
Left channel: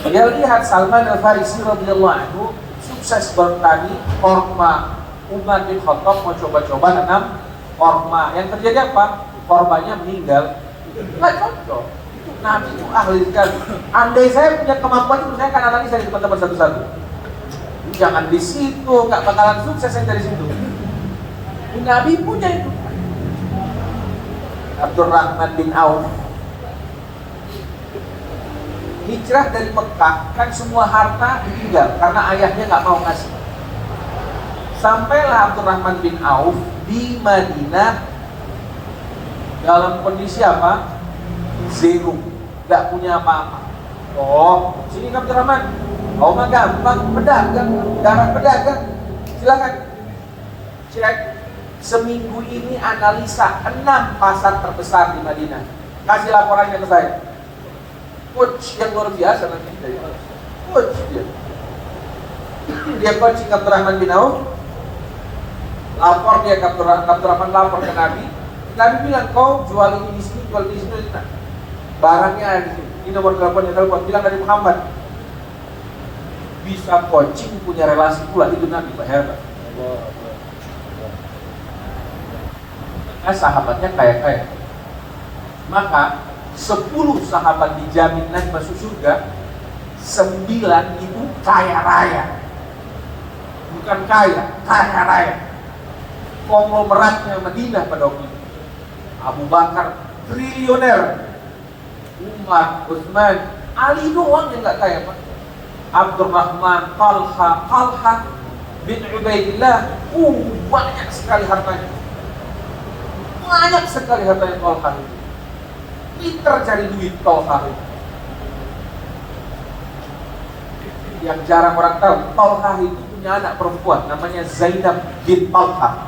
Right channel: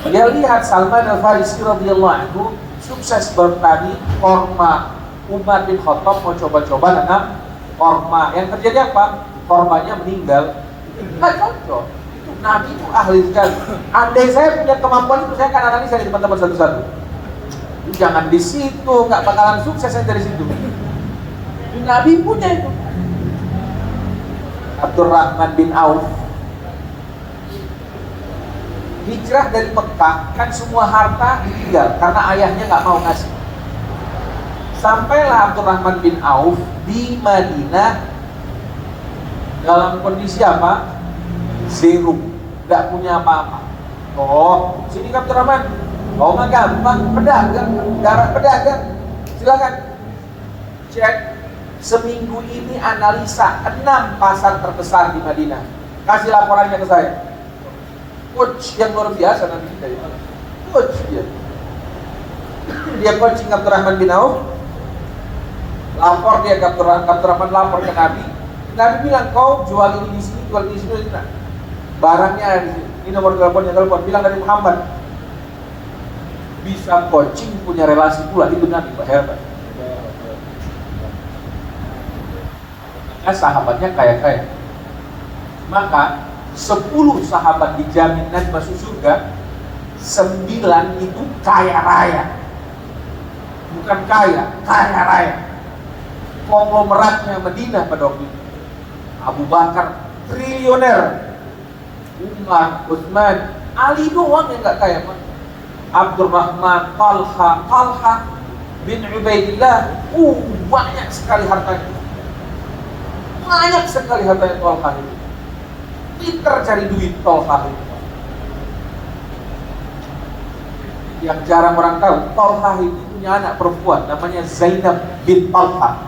Dia lihat Salman Al-Farisi radhiyallahu anhu sukses bertani korma. Umar bin Khattab mau coba-coba dengan korma. Yang terjadi apa? Kormanya meninggal. Nggak cocok. Itu Nabi itu ahli sekali. Andai saya punya kemampuan itu, saya akan analisa dari teman-teman satu-satu. Jangan di situ, nggak bakalan sukses dari situ. Itu Nabi punya itu. Abdurrahman bin Auf hijrah dari Mekah, kan semua harta ditinggal karena ayahnya nggak mau ngasih. Sampailah Abdurrahman bin Auf di Madinah dalam kondisi apa? Zero, nggak punya apa-apa. Oh, sini Abdurrahman. Oh, mah gampang, pedagang, darah pedagang. Silakan cek. Seminggu ini analisa 6 pasar terbesar di Madinah. Kasih laporannya ke saya. Coach yang luar biasa nanti kita ini. Coach dia. Dia coaching Abdurrahman bin Auf. Lapor dia ke Abdurrahman, lapor ke Nabi. Nabi bilang, kau jual ini di sini, jual ini di sini. Nah, barangnya ada di sini. Ini nomor teleponnya, telepon bilang Nabi Muhammad. Bisa coaching, punya relasi pula, itu Nabi hebat. Maka sahabatnya kaya-kaya. Maka 10 sahabat dijamin Nabi masuk surga, 9 itu kaya raya. Bukan kaya, kaya raya. konglomeratnya Madinah pada waktu itu. Abu Bakar triliuner, Umar, Utsman, Ali doang yang nggak kaya, Pak. Abdurrahman, Talha bin Ubaidillah, banyak sekali hartanya. Banyak sekali hartanya Talha itu. Pinter cari duit Talha itu. Yang jarang orang tahu, Talha itu punya anak perempuan namanya Zainab bin Talha.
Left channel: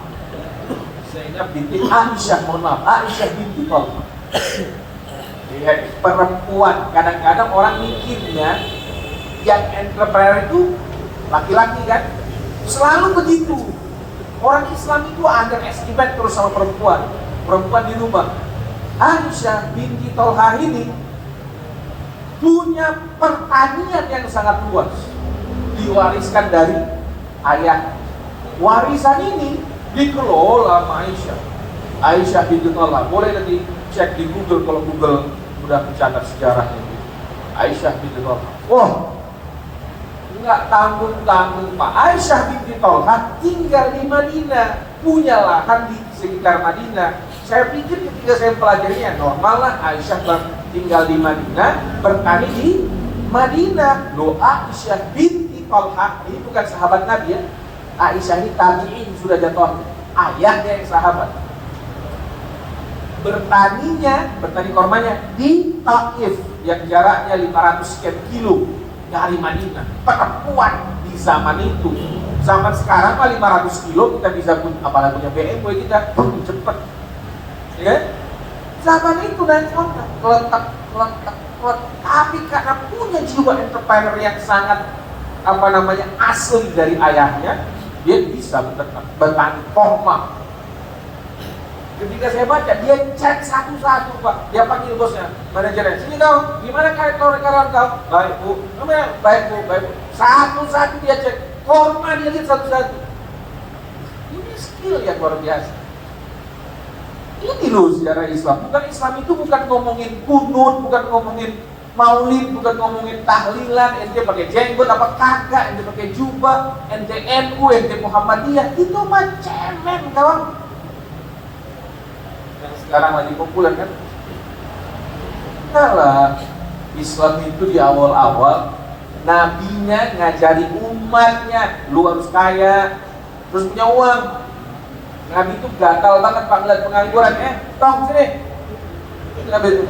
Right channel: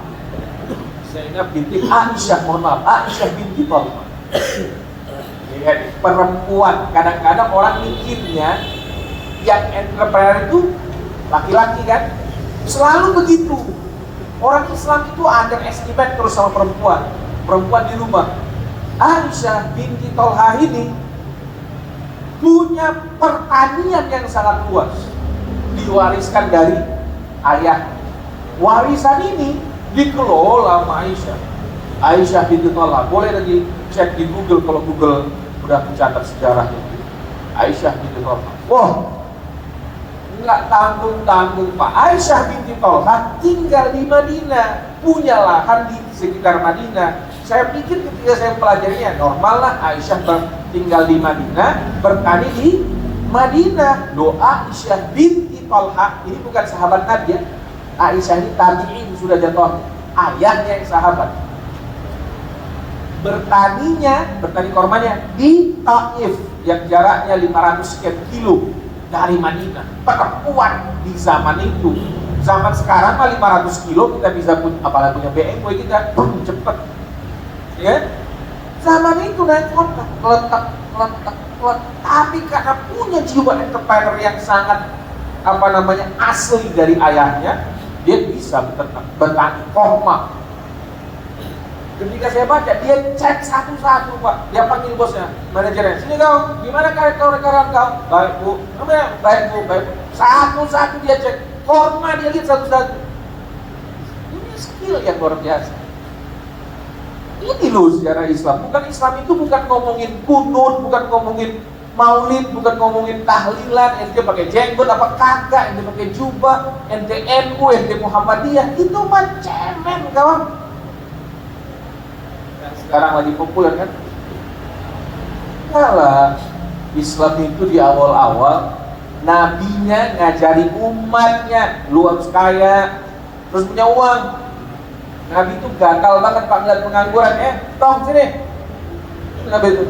Zainab binti Aisyah, mohon maaf, Aisyah binti Talha. Ya, perempuan, kadang-kadang orang mikirnya yang entrepreneur itu laki-laki kan, selalu begitu. Orang Islam itu underestimate terus sama perempuan di rumah. Aisyah binti Talha ini punya pertanian yang sangat luas, diwariskan dari ayah. Warisan ini dikelola sama Aisyah binti Talha. Boleh nanti cek di Google, kalau Google udah mencatat sejarahnya itu. Aisyah binti Talha. Wah, nggak tanggung-tanggung Pak. Aisyah binti Talha tinggal di Madinah, punya lahan di sekitar Madinah. Saya pikir ketika saya pelajarinya normal lah, Aisyah tinggal di Madinah, bertani di Madinah. Loh, Aisyah binti Talha ini bukan sahabat Nabi ya. Aisyah ini tabi'in, sudah jatuh ayahnya yang sahabat. Bertani kormanya di Taif yang jaraknya 500 sekian kilo dari Madinah. Perempuan di zaman itu. Zaman sekarang mah 500 kilo kita bisa punya, apalagi punya BMW kita cepet. Ya. Zaman itu naik motor, letak. Tapi karena punya jiwa entrepreneur yang sangat asli dari ayahnya, dia bisa bertani korma. Ketika saya baca, dia cek satu-satu Pak. Dia panggil bosnya, manajernya. Sini kau, gimana kau? Baik bu, namanya baik bu. Satu-satu dia cek, korma dia lihat satu-satu. Punya skill yang luar biasa. Ini loh sejarah Islam. Bukan Islam itu bukan ngomongin kunut, bukan ngomongin maulid, bukan ngomongin tahlilan. Ente pakai jenggot apa kagak? Ente pakai jubah, ente NU, ente Muhammadiyah. Itu mah cemen kawan. Yang sekarang lagi populer kan? Kalah. Islam itu di awal-awal nabinya ngajari umatnya, lu harus kaya, terus punya uang. Nabi itu gatal banget Pak ngeliat pengangguran. Tong sini. Nabi itu,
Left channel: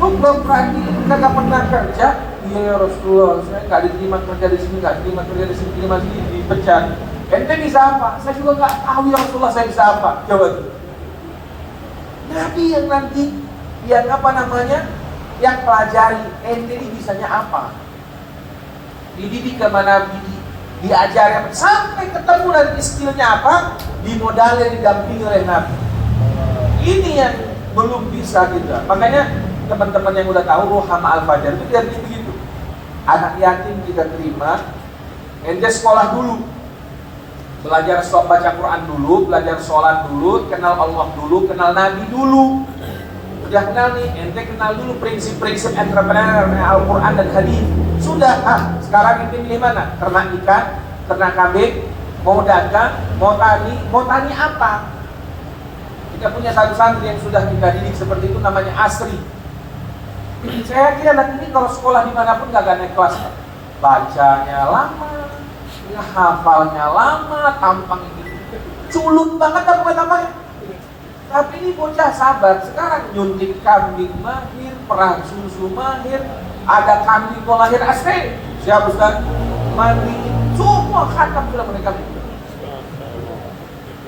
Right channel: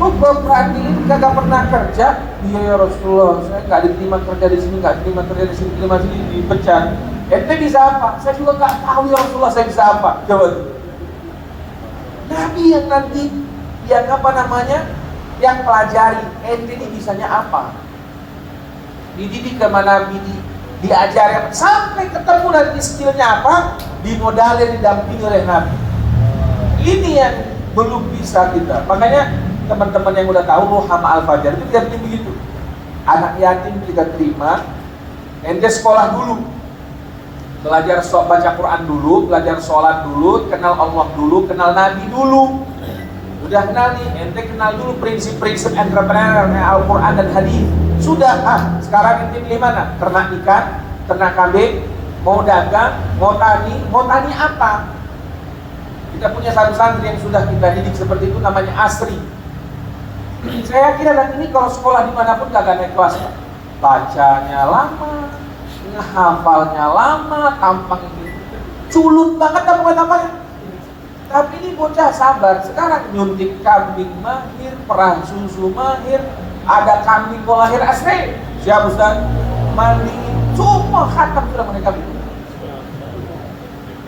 lu belum berarti kagak pernah kerja? Iya ya Rasulullah, saya nggak diterima kerja di sini, nggak diterima kerja di sini, diterima sini, dipecat. Ente bisa apa? Saya juga nggak tahu ya Rasulullah, saya bisa apa? Coba tuh. Nabi yang nanti yang yang pelajari ente ini bisanya apa, dididik sama Nabi, diajarin sampai ketemu nanti skillnya apa, dimodalin, didampingi oleh Nabi. Ini yang belum bisa kita. Makanya teman-teman yang udah tahu Rohama Al-Fajar itu tidak begitu. Anak yatim kita terima, ente sekolah dulu, belajar baca Quran dulu, belajar sholat dulu, kenal Allah dulu, kenal Nabi dulu. Udah kenal nih, ente kenal dulu prinsip-prinsip entrepreneur Al-Quran dan hadis. Sudah, sekarang ente pilih mana? Ternak ikan, ternak kambing, mau dagang, mau tani apa? Kita punya satu santri yang sudah kita didik seperti itu, namanya Asri. Saya kira nanti ini kalau sekolah dimanapun gak akan naik kelas. Bacanya lama, ngehafalnya lama, tampang ini culun banget apa-apa. Tapi ini bocah sabar. Sekarang nyuntik kambing mahir, perah susu mahir, ada kambing mau lahir asli. Siap Ustaz? Mandiin, semua khatam sudah menikah kambing.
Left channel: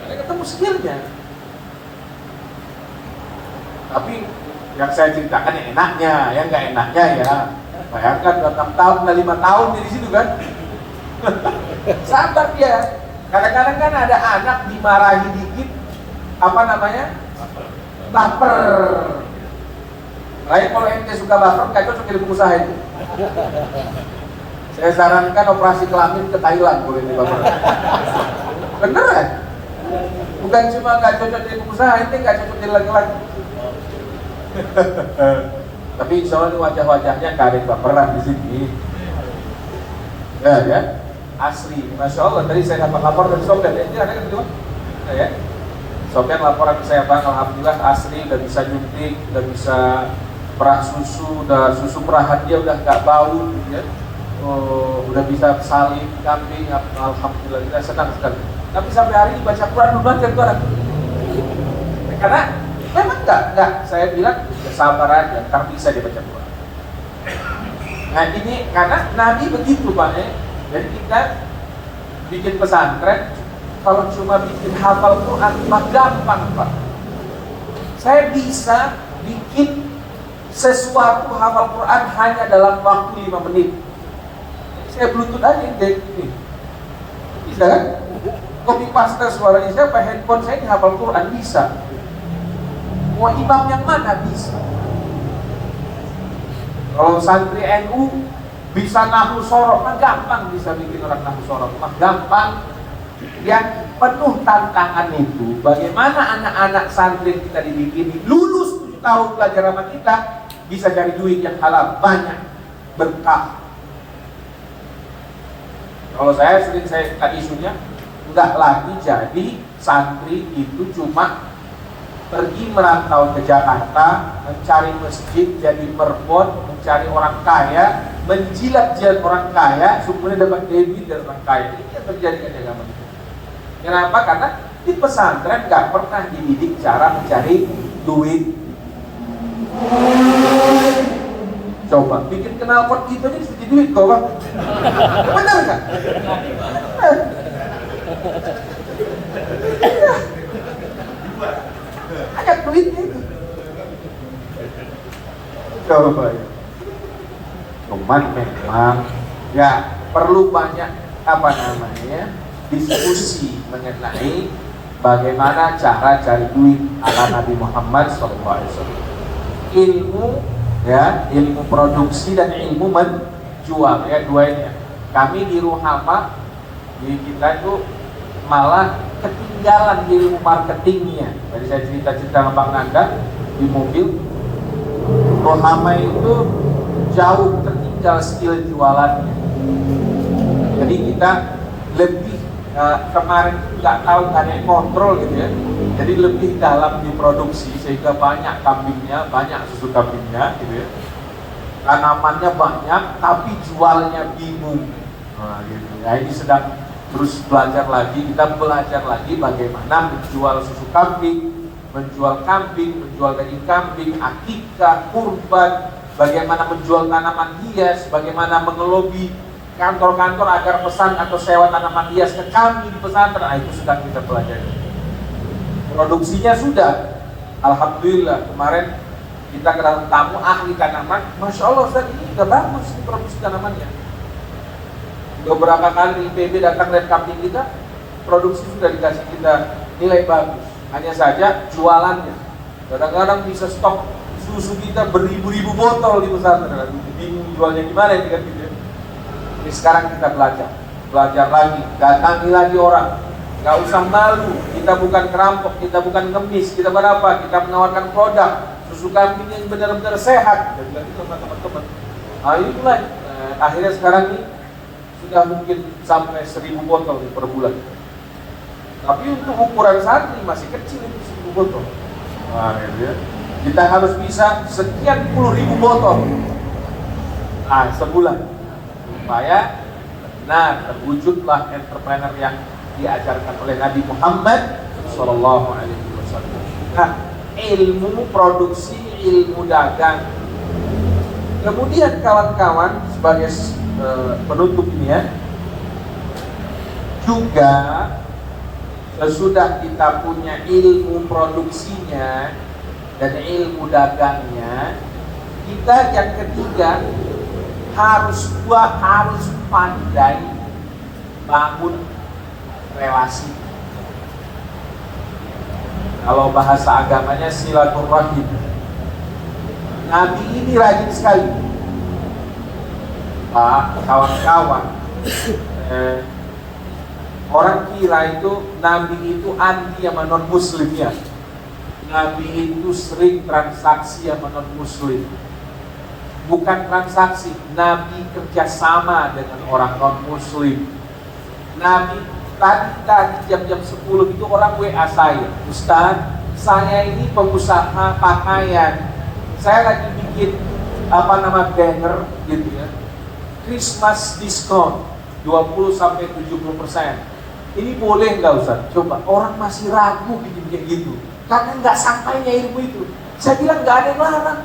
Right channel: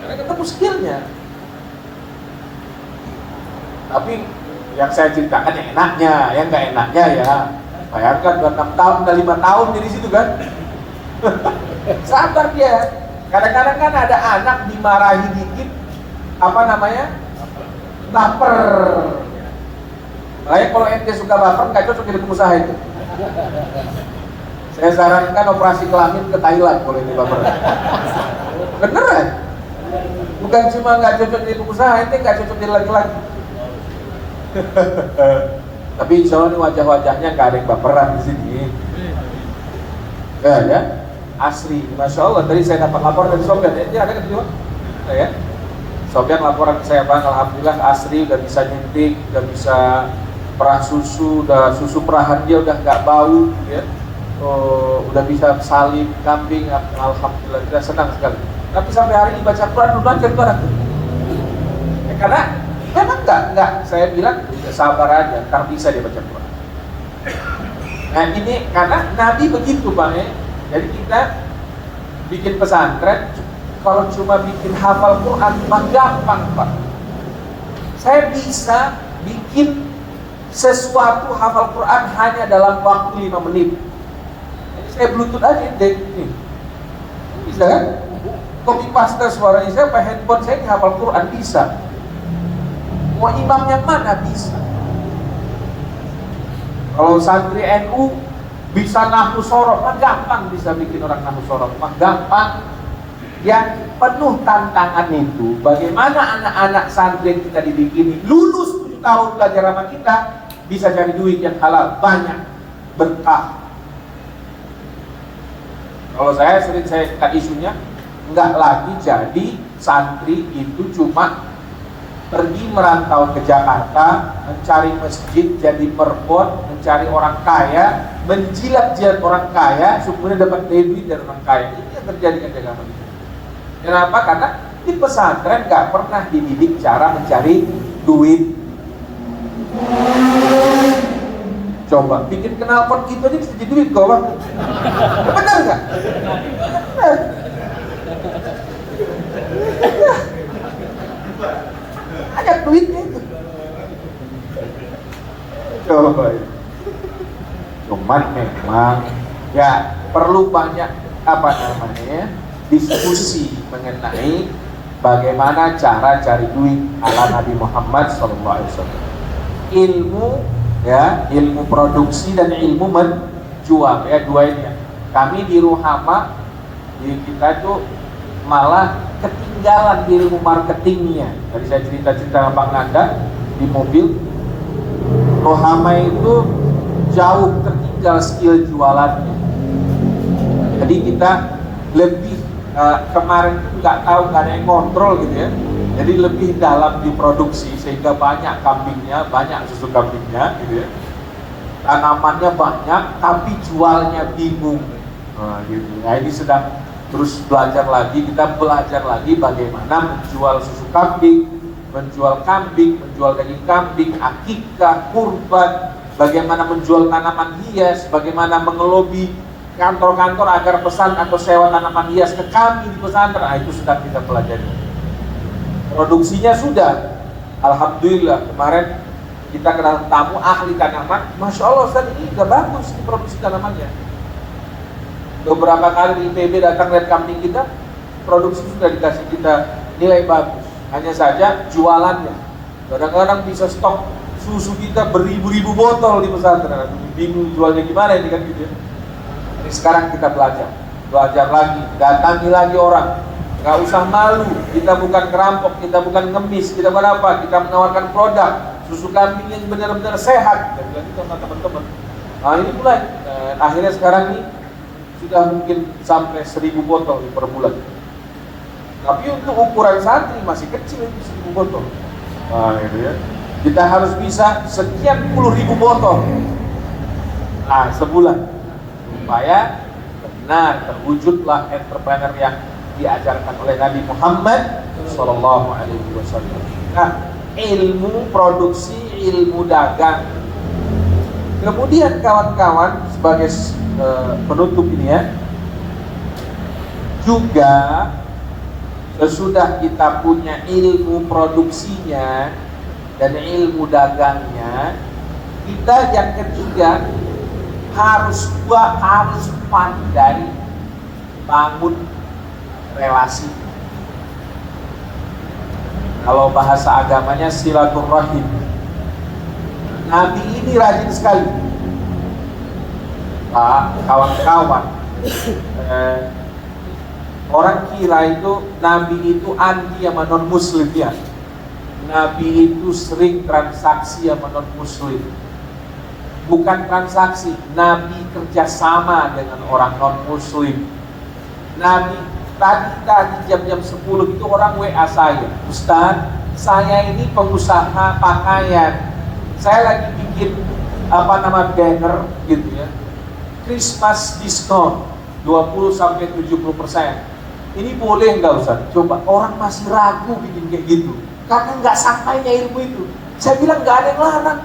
Karena ketemu skillnya. Tapi yang saya ceritakan yang enaknya, yang nggak enaknya ya bayangkan udah 6 tahun, udah 5 tahun di situ kan. Sabar dia. Kadang-kadang kan ada anak dimarahi dikit, baper. Makanya kalau ente suka baper, nggak cocok jadi pengusaha itu. Saya sarankan operasi kelamin ke Thailand kalau ente baper. Bener ya? Bukan cuma nggak cocok jadi pengusaha, ente nggak cocok jadi laki-laki. Tapi insya Allah wajah-wajahnya nggak ada baperan di sini. Ya. Asli, Masya Allah, tadi saya dapat lapor dari Sobat, dia ada gitu. ya. Sofian laporan ke saya, Pak, alhamdulillah Asri udah bisa nyuntik, udah bisa perah susu, udah susu perahan dia udah nggak bau, ya. Udah bisa salib kambing, alhamdulillah, kita senang sekali. Tapi sampai hari ini baca Quran belum baca Quran. Ya, karena memang nggak, saya bilang sabar aja, tapi bisa dibaca Quran. Nah ini karena Nabi begitu, Pak, ya. Jadi kita bikin pesantren. Kalau cuma bikin hafal Quran mah gampang, Pak. Saya bisa bikin sesuatu hafal Quran hanya dalam waktu 5 menit. Jadi saya bluetooth aja nih. Bisa kan? Copy paste suaranya saya pakai handphone saya hafal Quran bisa. Mau imam yang mana bisa. Kalau santri NU bisa nahwu sorok, mah gampang bisa bikin orang nahwu sorok, mah gampang. Yang penuh tantangan itu bagaimana anak-anak santri kita dibikini lulus 7 tahun belajar sama kita bisa cari duit yang halal banyak berkah. Kalau saya sering saya isunya enggak lagi jadi santri itu cuma pergi merantau ke Jakarta mencari masjid jadi perpot mencari orang kaya menjilat-jilat orang kaya supaya dapat duit dari orang kaya. Ini yang terjadi di agama kita. Kenapa? Karena di pesantren nggak pernah dididik cara mencari duit. Coba bikin knalpot gitu aja bisa jadi duit, gawang. Benar nggak? Banyak duitnya itu. Coba. Cuman memang ya perlu banyak apa namanya diskusi mengenai bagaimana cara cari duit ala Nabi Muhammad SAW. Ilmu ya, ilmu produksi dan ilmu menjual ya, dua ini. Kami di Ruhama di kita itu malah ketinggalan ilmu marketingnya. Tadi saya cerita-cerita sama Pak Nanda di mobil. Ruhama itu jauh tertinggal skill jualannya. Jadi kita lebih kemarin itu nggak tahu, nggak ada yang kontrol gitu ya. Jadi lebih dalam diproduksi sehingga banyak kambingnya, banyak susu kambingnya gitu ya. Tanamannya banyak tapi jualnya bingung. Nah, gitu. Nah, ini sedang terus belajar lagi, kita belajar lagi bagaimana menjual susu kambing, menjual daging kambing, akikah, kurban, bagaimana menjual tanaman hias, bagaimana mengelobi kantor-kantor agar pesan atau sewa tanaman hias ke kami di pesantren. Nah, itu sedang kita pelajari. Produksinya sudah, alhamdulillah kemarin kita kenal tamu ahli tanaman, masya Allah Ustaz ini udah bagus produksi tanamannya. Beberapa kali di IPB datang lihat kambing kita, produksi sudah dikasih kita nilai bagus. Hanya saja jualannya, kadang-kadang bisa stok susu kita beribu-ribu botol di pesantren. Bingung jualnya gimana ya kan gitu. Ini sekarang kita belajar lagi, datangi lagi orang, nggak usah malu. Kita bukan kerampok, kita bukan ngemis, kita berapa? Kita menawarkan produk susu kambing yang benar-benar sehat. Kita bilang gitu sama teman-teman. Nah ini belajar. Akhirnya sekarang ini sudah mungkin sampai 1000 botol per bulan. Tapi untuk ukuran santri masih kecil itu 1000 botol. Nah itu ya. Kita harus bisa sekian puluh ribu botol. Nah sebulan. Supaya benar terwujudlah entrepreneur yang diajarkan oleh Nabi Muhammad Sallallahu Alaihi Wasallam. Nah, ilmu produksi, ilmu dagang. Kemudian kawan-kawan sebagai penutup ini ya, juga sesudah kita punya ilmu produksinya dan ilmu dagangnya, kita yang ketiga harus pandai bangun relasi. Kalau bahasa agamanya silaturahim. Nah, Nabi ini rajin sekali, Pak, kawan-kawan. Orang kira itu Nabi itu anti sama non muslim ya. Nabi itu sering transaksi sama non muslim. Bukan transaksi, Nabi kerjasama dengan orang non muslim. Nabi Tadi jam-jam 10 itu orang WA saya, Ustaz, saya ini pengusaha pakaian, saya lagi bikin banner gitu ya, Christmas diskon 20-70%. Ini boleh nggak Ustaz? Coba, orang masih ragu bikin kayak gitu karena nggak sampainya ilmu itu. Saya bilang nggak ada yang larang.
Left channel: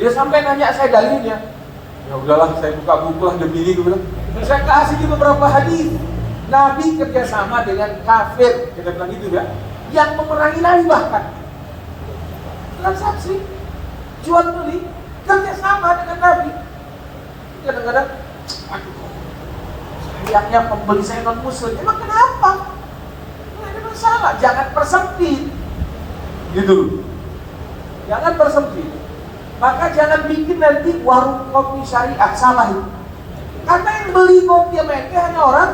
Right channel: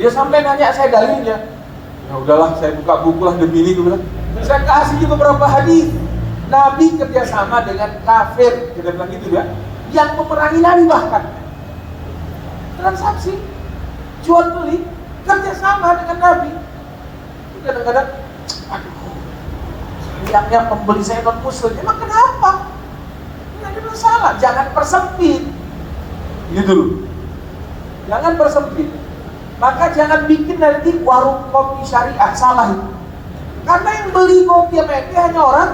Dia sampai nanya saya dalilnya. Ya udahlah, saya buka buku lah demi ini dulu. Saya kasih beberapa hadis. Nabi kerjasama dengan kafir, kita bilang gitu ya, yang memerangi Nabi bahkan. Transaksi, jual beli, kerjasama dengan Nabi. Itu kadang-kadang, aduh, sayangnya pembeli saya non muslim. Emang kenapa? Nggak ada masalah, jangan persempit. Gitu. Jangan persempit. Maka jangan bikin nanti warung kopi syariah, salah itu. Karena yang beli kopi sama ente hanya orang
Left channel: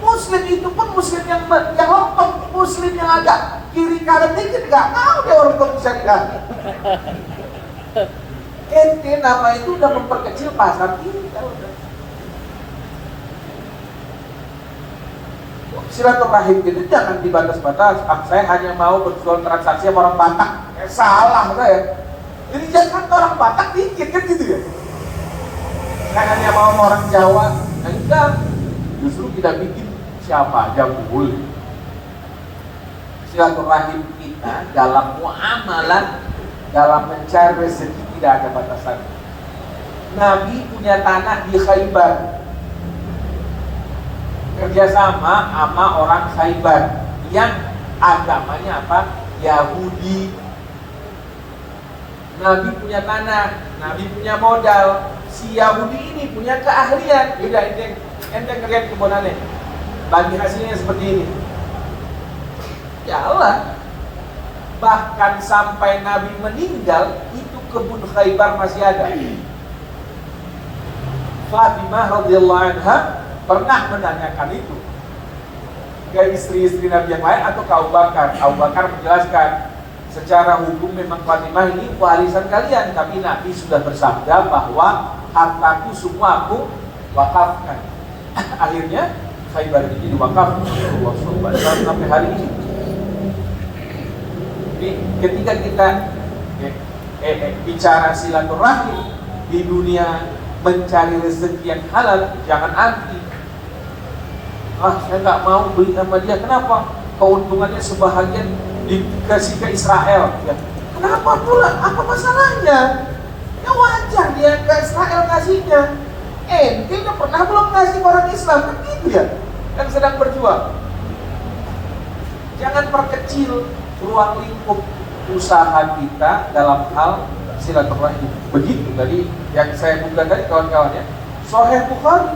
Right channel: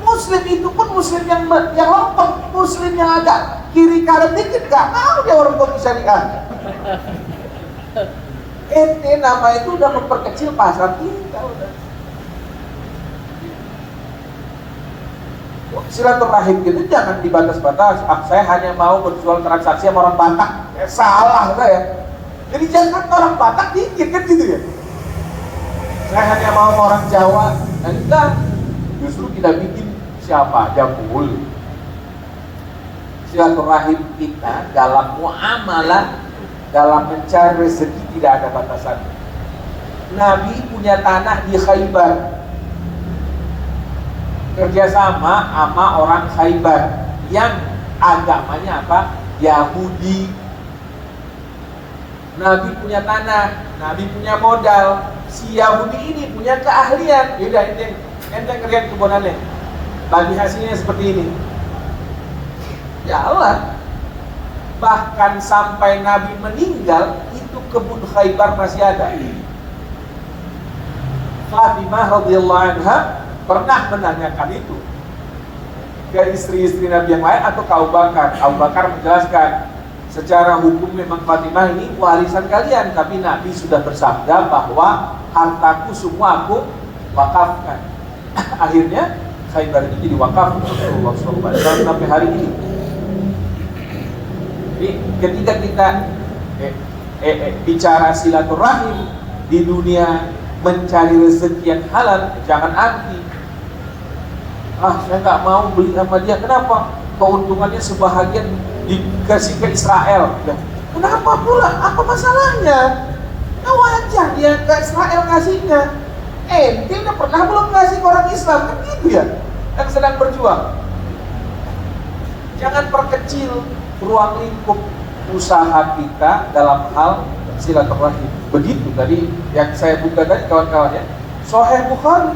Muslim, itu pun Muslim yang lempeng, Muslim yang ada kiri kanan dikit, nggak mau dia orang kopi syariah. Ente nama itu udah memperkecil pasar kita. Silaturahim gitu jangan dibatas-batas. Saya hanya mau berjual transaksi sama orang Batak. Salah saya. Jadi jangan orang Batak dikit kan gitu ya. Saya hanya mau orang Jawa. Enggak. Justru kita bikin siapa aja boleh. Silaturahim kita dalam muamalah, dalam mencari rezeki tidak ada batasan. Nabi punya tanah di Khaybar, kerjasama sama orang Khaybar yang agamanya apa? Yahudi. Nabi punya tanah, Nabi punya modal. Si Yahudi ini punya keahlian. Beda ente lihat kebunannya, bagi hasilnya seperti ini. Jalan. Bahkan sampai Nabi meninggal, itu kebun Khaybar masih ada. Fatimah radhiyallahu anha pernah menanyakan itu ke istri-istri Nabi yang lain atau ke Abu Bakar. Abu Bakar menjelaskan, secara hukum memang Fatimah ini warisan kalian, tapi Nabi sudah bersabda bahwa hartaku semua aku wakafkan. Akhirnya Khaybar itu jadi wakaf sampai hari ini. Jadi ketika kita bicara silaturahim di dunia, mencari rezeki yang halal, jangan anti. Saya nggak mau beli sama dia. Kenapa? Keuntungannya sebahagian dikasih ke Israel. Kenapa pula? Apa masalahnya? Ya wajar dia ke Israel kasihnya. Ente udah pernah belum kasih ke orang Islam? Kan gitu ya, yang sedang berjuang. Jangan perkecil ruang lingkup usaha kita dalam hal silaturahim. Begitu tadi yang saya buka tadi kawan-kawannya, Sahih Bukhari.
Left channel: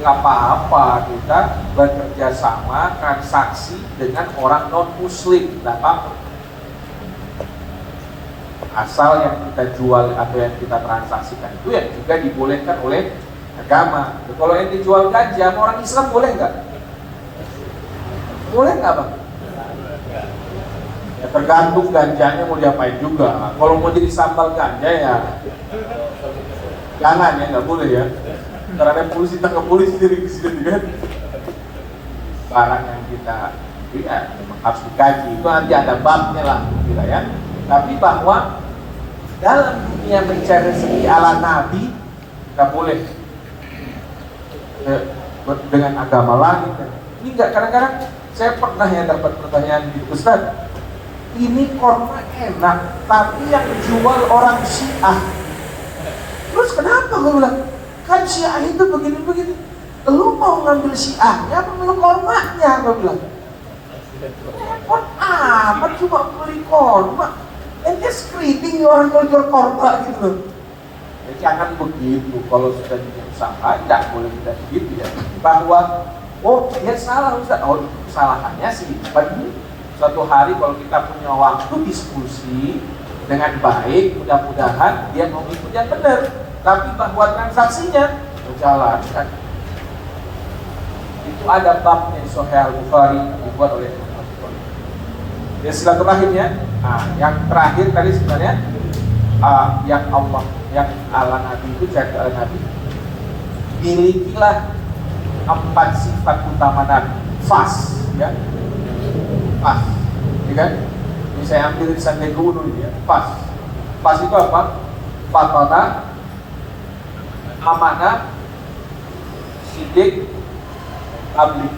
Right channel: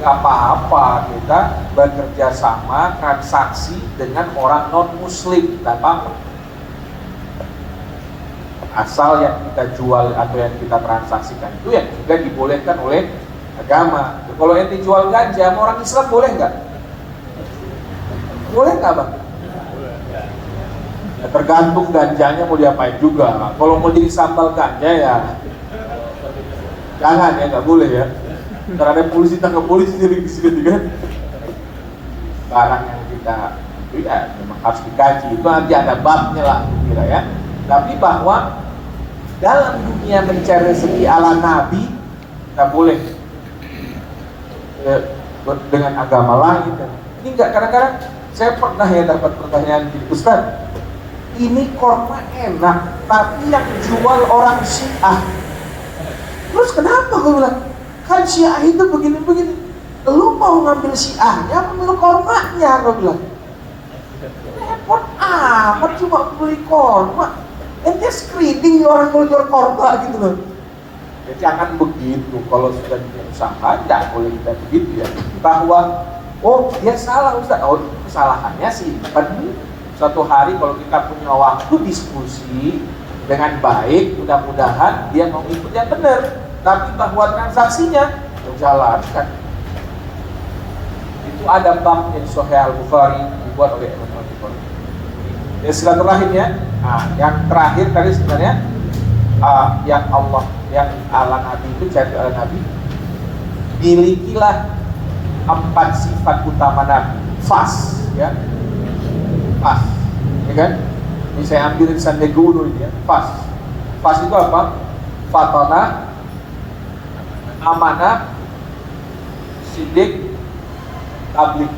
Gak apa-apa kita bekerja sama transaksi dengan orang non muslim, gak apa-apa. Asal yang kita jual atau yang kita transaksikan itu yang juga dibolehkan oleh agama. Kalau yang dijual ganja, orang Islam boleh nggak? Boleh nggak Bang? Ya, tergantung ganjanya mau diapain juga. Kalau mau jadi sambal ganja ya jangan ya, nggak boleh ya. Ntar ada polisi, tangkap polisi di sini juga. Barang yang kita lihat memang harus dikaji, itu nanti ada babnya lah kira ya. Tapi bahwa dalam dunia mencari rezeki ala Nabi, kita boleh dengan agama lain. Ini enggak, kadang-kadang saya pernah ya dapat pertanyaan di Ustaz, ini korma enak, tapi yang jual orang Syiah. Terus kenapa gue bilang, kan Syiah itu begini-begini, lu mau ngambil Syiahnya, ambil kormanya, gue bilang. Repot amat cuma beli korma. Ente screening orang jual korma gitu loh. Ya jangan begitu, kalau sudah punya usaha tidak boleh kita begitu ya. Bahwa dia salah Ustaz. Kesalahannya sih suatu hari kalau kita punya waktu diskusi dengan baik, mudah-mudahan dia mengikut yang benar. Tapi bahwa transaksinya berjalan kan. Itu ada bab di Sahih Al-Bukhari dibuat oleh Al-Bukhari. Ya silaturahim ya. Nah, yang terakhir tadi sebenarnya yang Allah, yang ala Nabi itu jadi ala Nabi, milikilah 4 sifat utama Nabi. Fas, ya. Fas, ya kan? Ini saya ambil dari Sandiaga Uno ini ya. Fas. Fas itu apa? Fatona, amanah, sidik, tablik.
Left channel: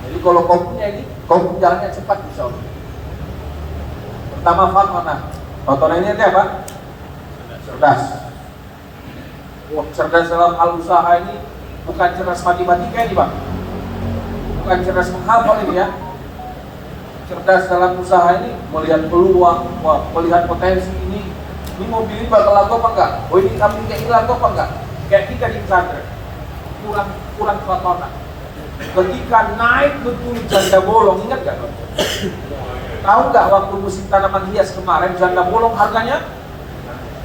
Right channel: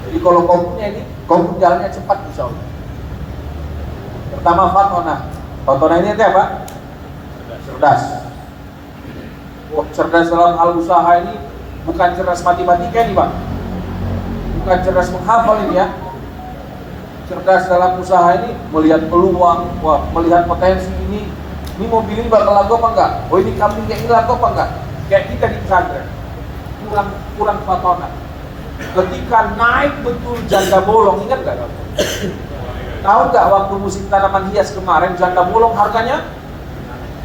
Jadi kalau kompunya ini, kompu jalannya cepat insya Allah. Pertama fatona. Fatona ini apa? Cerdas. Oh, cerdas dalam hal usaha ini bukan cerdas matematika ini bang, bukan cerdas menghafal ini ya. Cerdas dalam usaha ini melihat peluang, wah, melihat potensi ini mobil ini bakal laku apa enggak? Oh ini kambing kayak ini laku apa enggak? Kayak kita di pesantren, kurang fatona. Ketika naik betul janda bolong, ingat nggak? Tahu nggak waktu musim tanaman hias kemarin janda bolong harganya,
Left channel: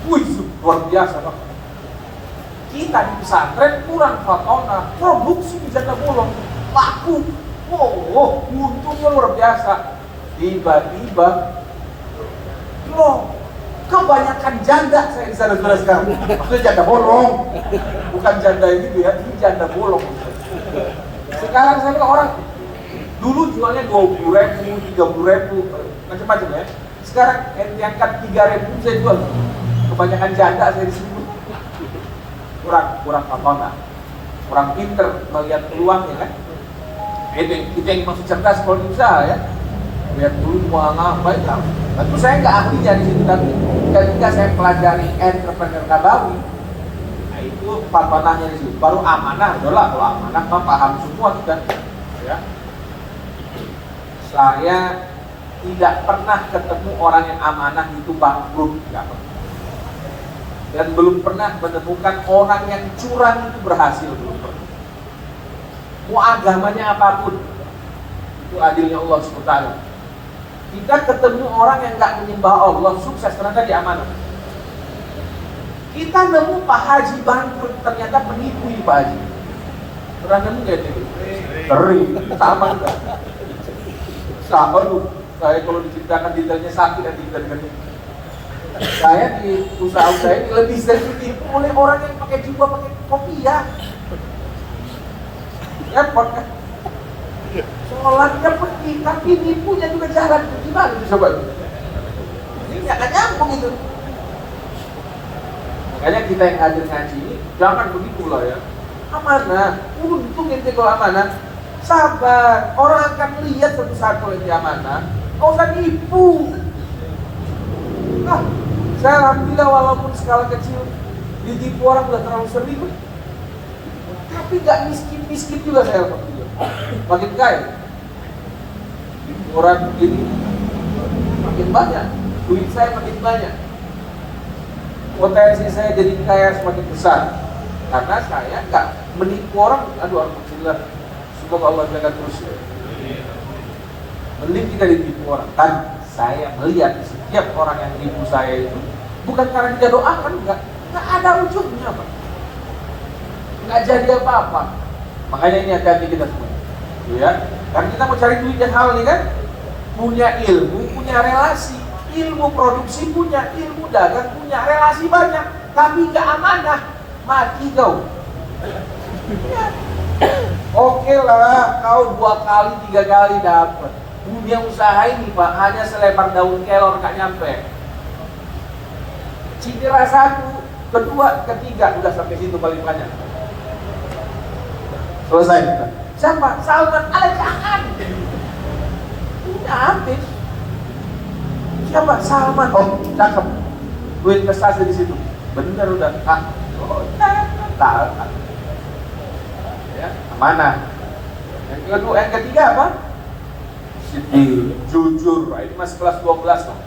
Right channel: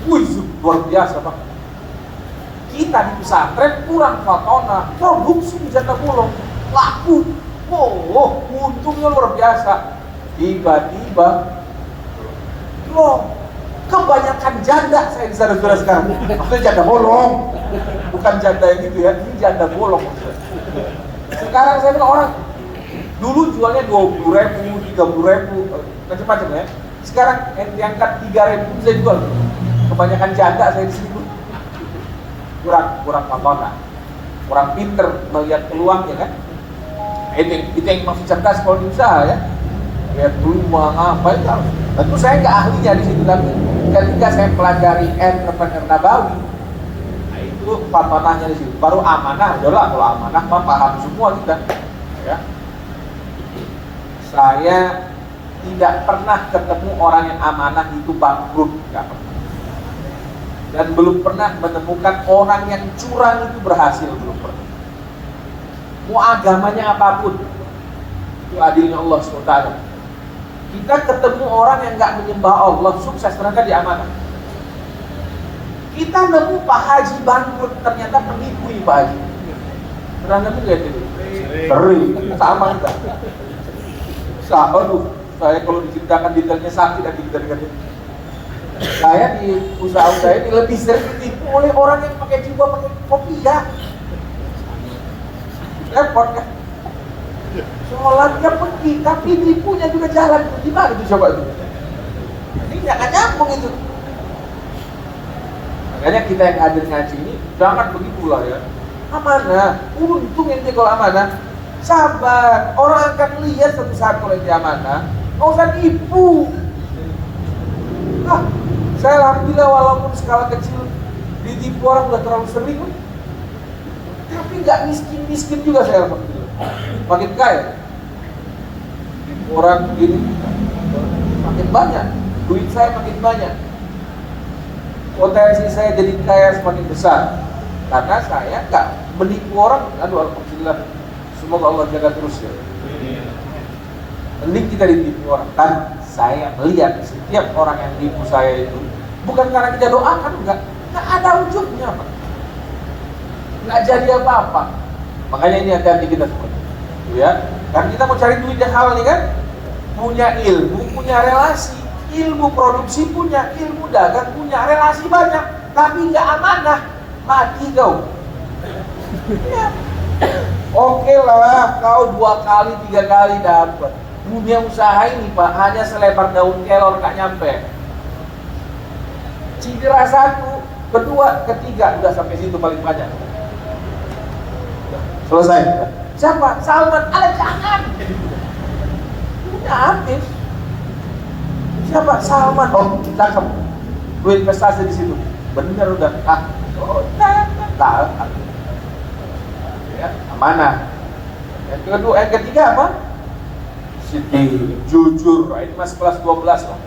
wih luar biasa pak. Kita di pesantren kurang fatona, produksi di janda bolong laku, wow, untungnya luar biasa. Tiba-tiba, bro, kebanyakan janda saya bisa jelaskan. Itu janda bolong, bukan janda yang gitu ya, ini janda bolong. Sekarang saya bilang orang dulu jualnya 20.000, 30.000, macam-macam ya. Sekarang yang diangkat 3.000 saya jual. Kebanyakan janda saya di sini. Kurang fatona, kurang pinter melihat peluangnya kan. Nah, itu yang maksud cerdas kalau di usaha ya. Lihat dulu mau ngapain. Tentu saya nggak ahlinya di situ, tapi ketika saya pelajari entrepreneur Nabawi, nah itu fatonahnya di situ. Baru amanah, adalah kalau amanah mah paham semua kita. Ya. Saya tidak pernah ketemu orang yang amanah itu bangkrut, nggak pernah. Dan belum pernah menemukan orang yang curang itu berhasil. Mau agamanya apapun, itu adilnya Allah SWT. Kita ketemu orang yang nggak menyembah Allah, sukses ternyata di amanah. Kita nemu Pak Haji bangkrut, ternyata penipu nih Pak Haji. Pernah nemu gak itu? Sering, sama juga. Sama tuh. Saya kalau diceritakan detailnya sakit dan detailkan itu. Saya di usaha saya ini lebih sering ditipu oleh orang yang pakai jubah pakai kopiah. Repot kan? Sholatnya pergi, tapi tipunya juga jalan. Gimana tuh coba tuh? Ini nggak akan nyambung itu. Makanya kita yang hadir ngaji ini jangan begitulah ya. Amanah, untung ente kalau amanah. Sabar, orang akan lihat satu saat kalau ente amanah. Nggak usah tipu. Nah, saya alhamdulillah walaupun skala kecil ditipu orang udah terlalu sering, tapi nggak miskin juga saya alhamdulillah. Makin kaya, ditipu orang begini, makin banyak, duit saya makin banyak, potensi saya jadi kaya semakin besar, karena saya nggak menipu orang. Aduh alhamdulillah, semoga Allah jaga terus ya. Mending kita ditipu orang. Kan saya melihat setiap orang yang tipu saya itu bukan karena kita doakan, nggak ada ujungnya, Pak. Nggak jadi apa-apa. Makanya ini hati-hati kita semua, ya. Karena kita mau cari duit yang halal nih kan, punya ilmu, punya relasi, ilmu produksi punya, ilmu dagang punya, relasi banyak, tapi nggak amanah, mati kau. Ya. Oke lah, kau 2 kali 3 kali dapat. Dunia usaha ini Pak hanya selebar daun kelor, nggak nyampe. Cedera 1, kedua, ketiga, udah sampai situ paling banyak. Selesai. Siapa? Salman Al-Jangan. Udah habis. Siapa? Salman. Oh, cakep. Gue investasi di situ. Bener udah. Tahu. Ya, amanah. Yang kedua, yang ketiga apa? Siddiq, jujur. Nah, ini masih kelas 12 loh.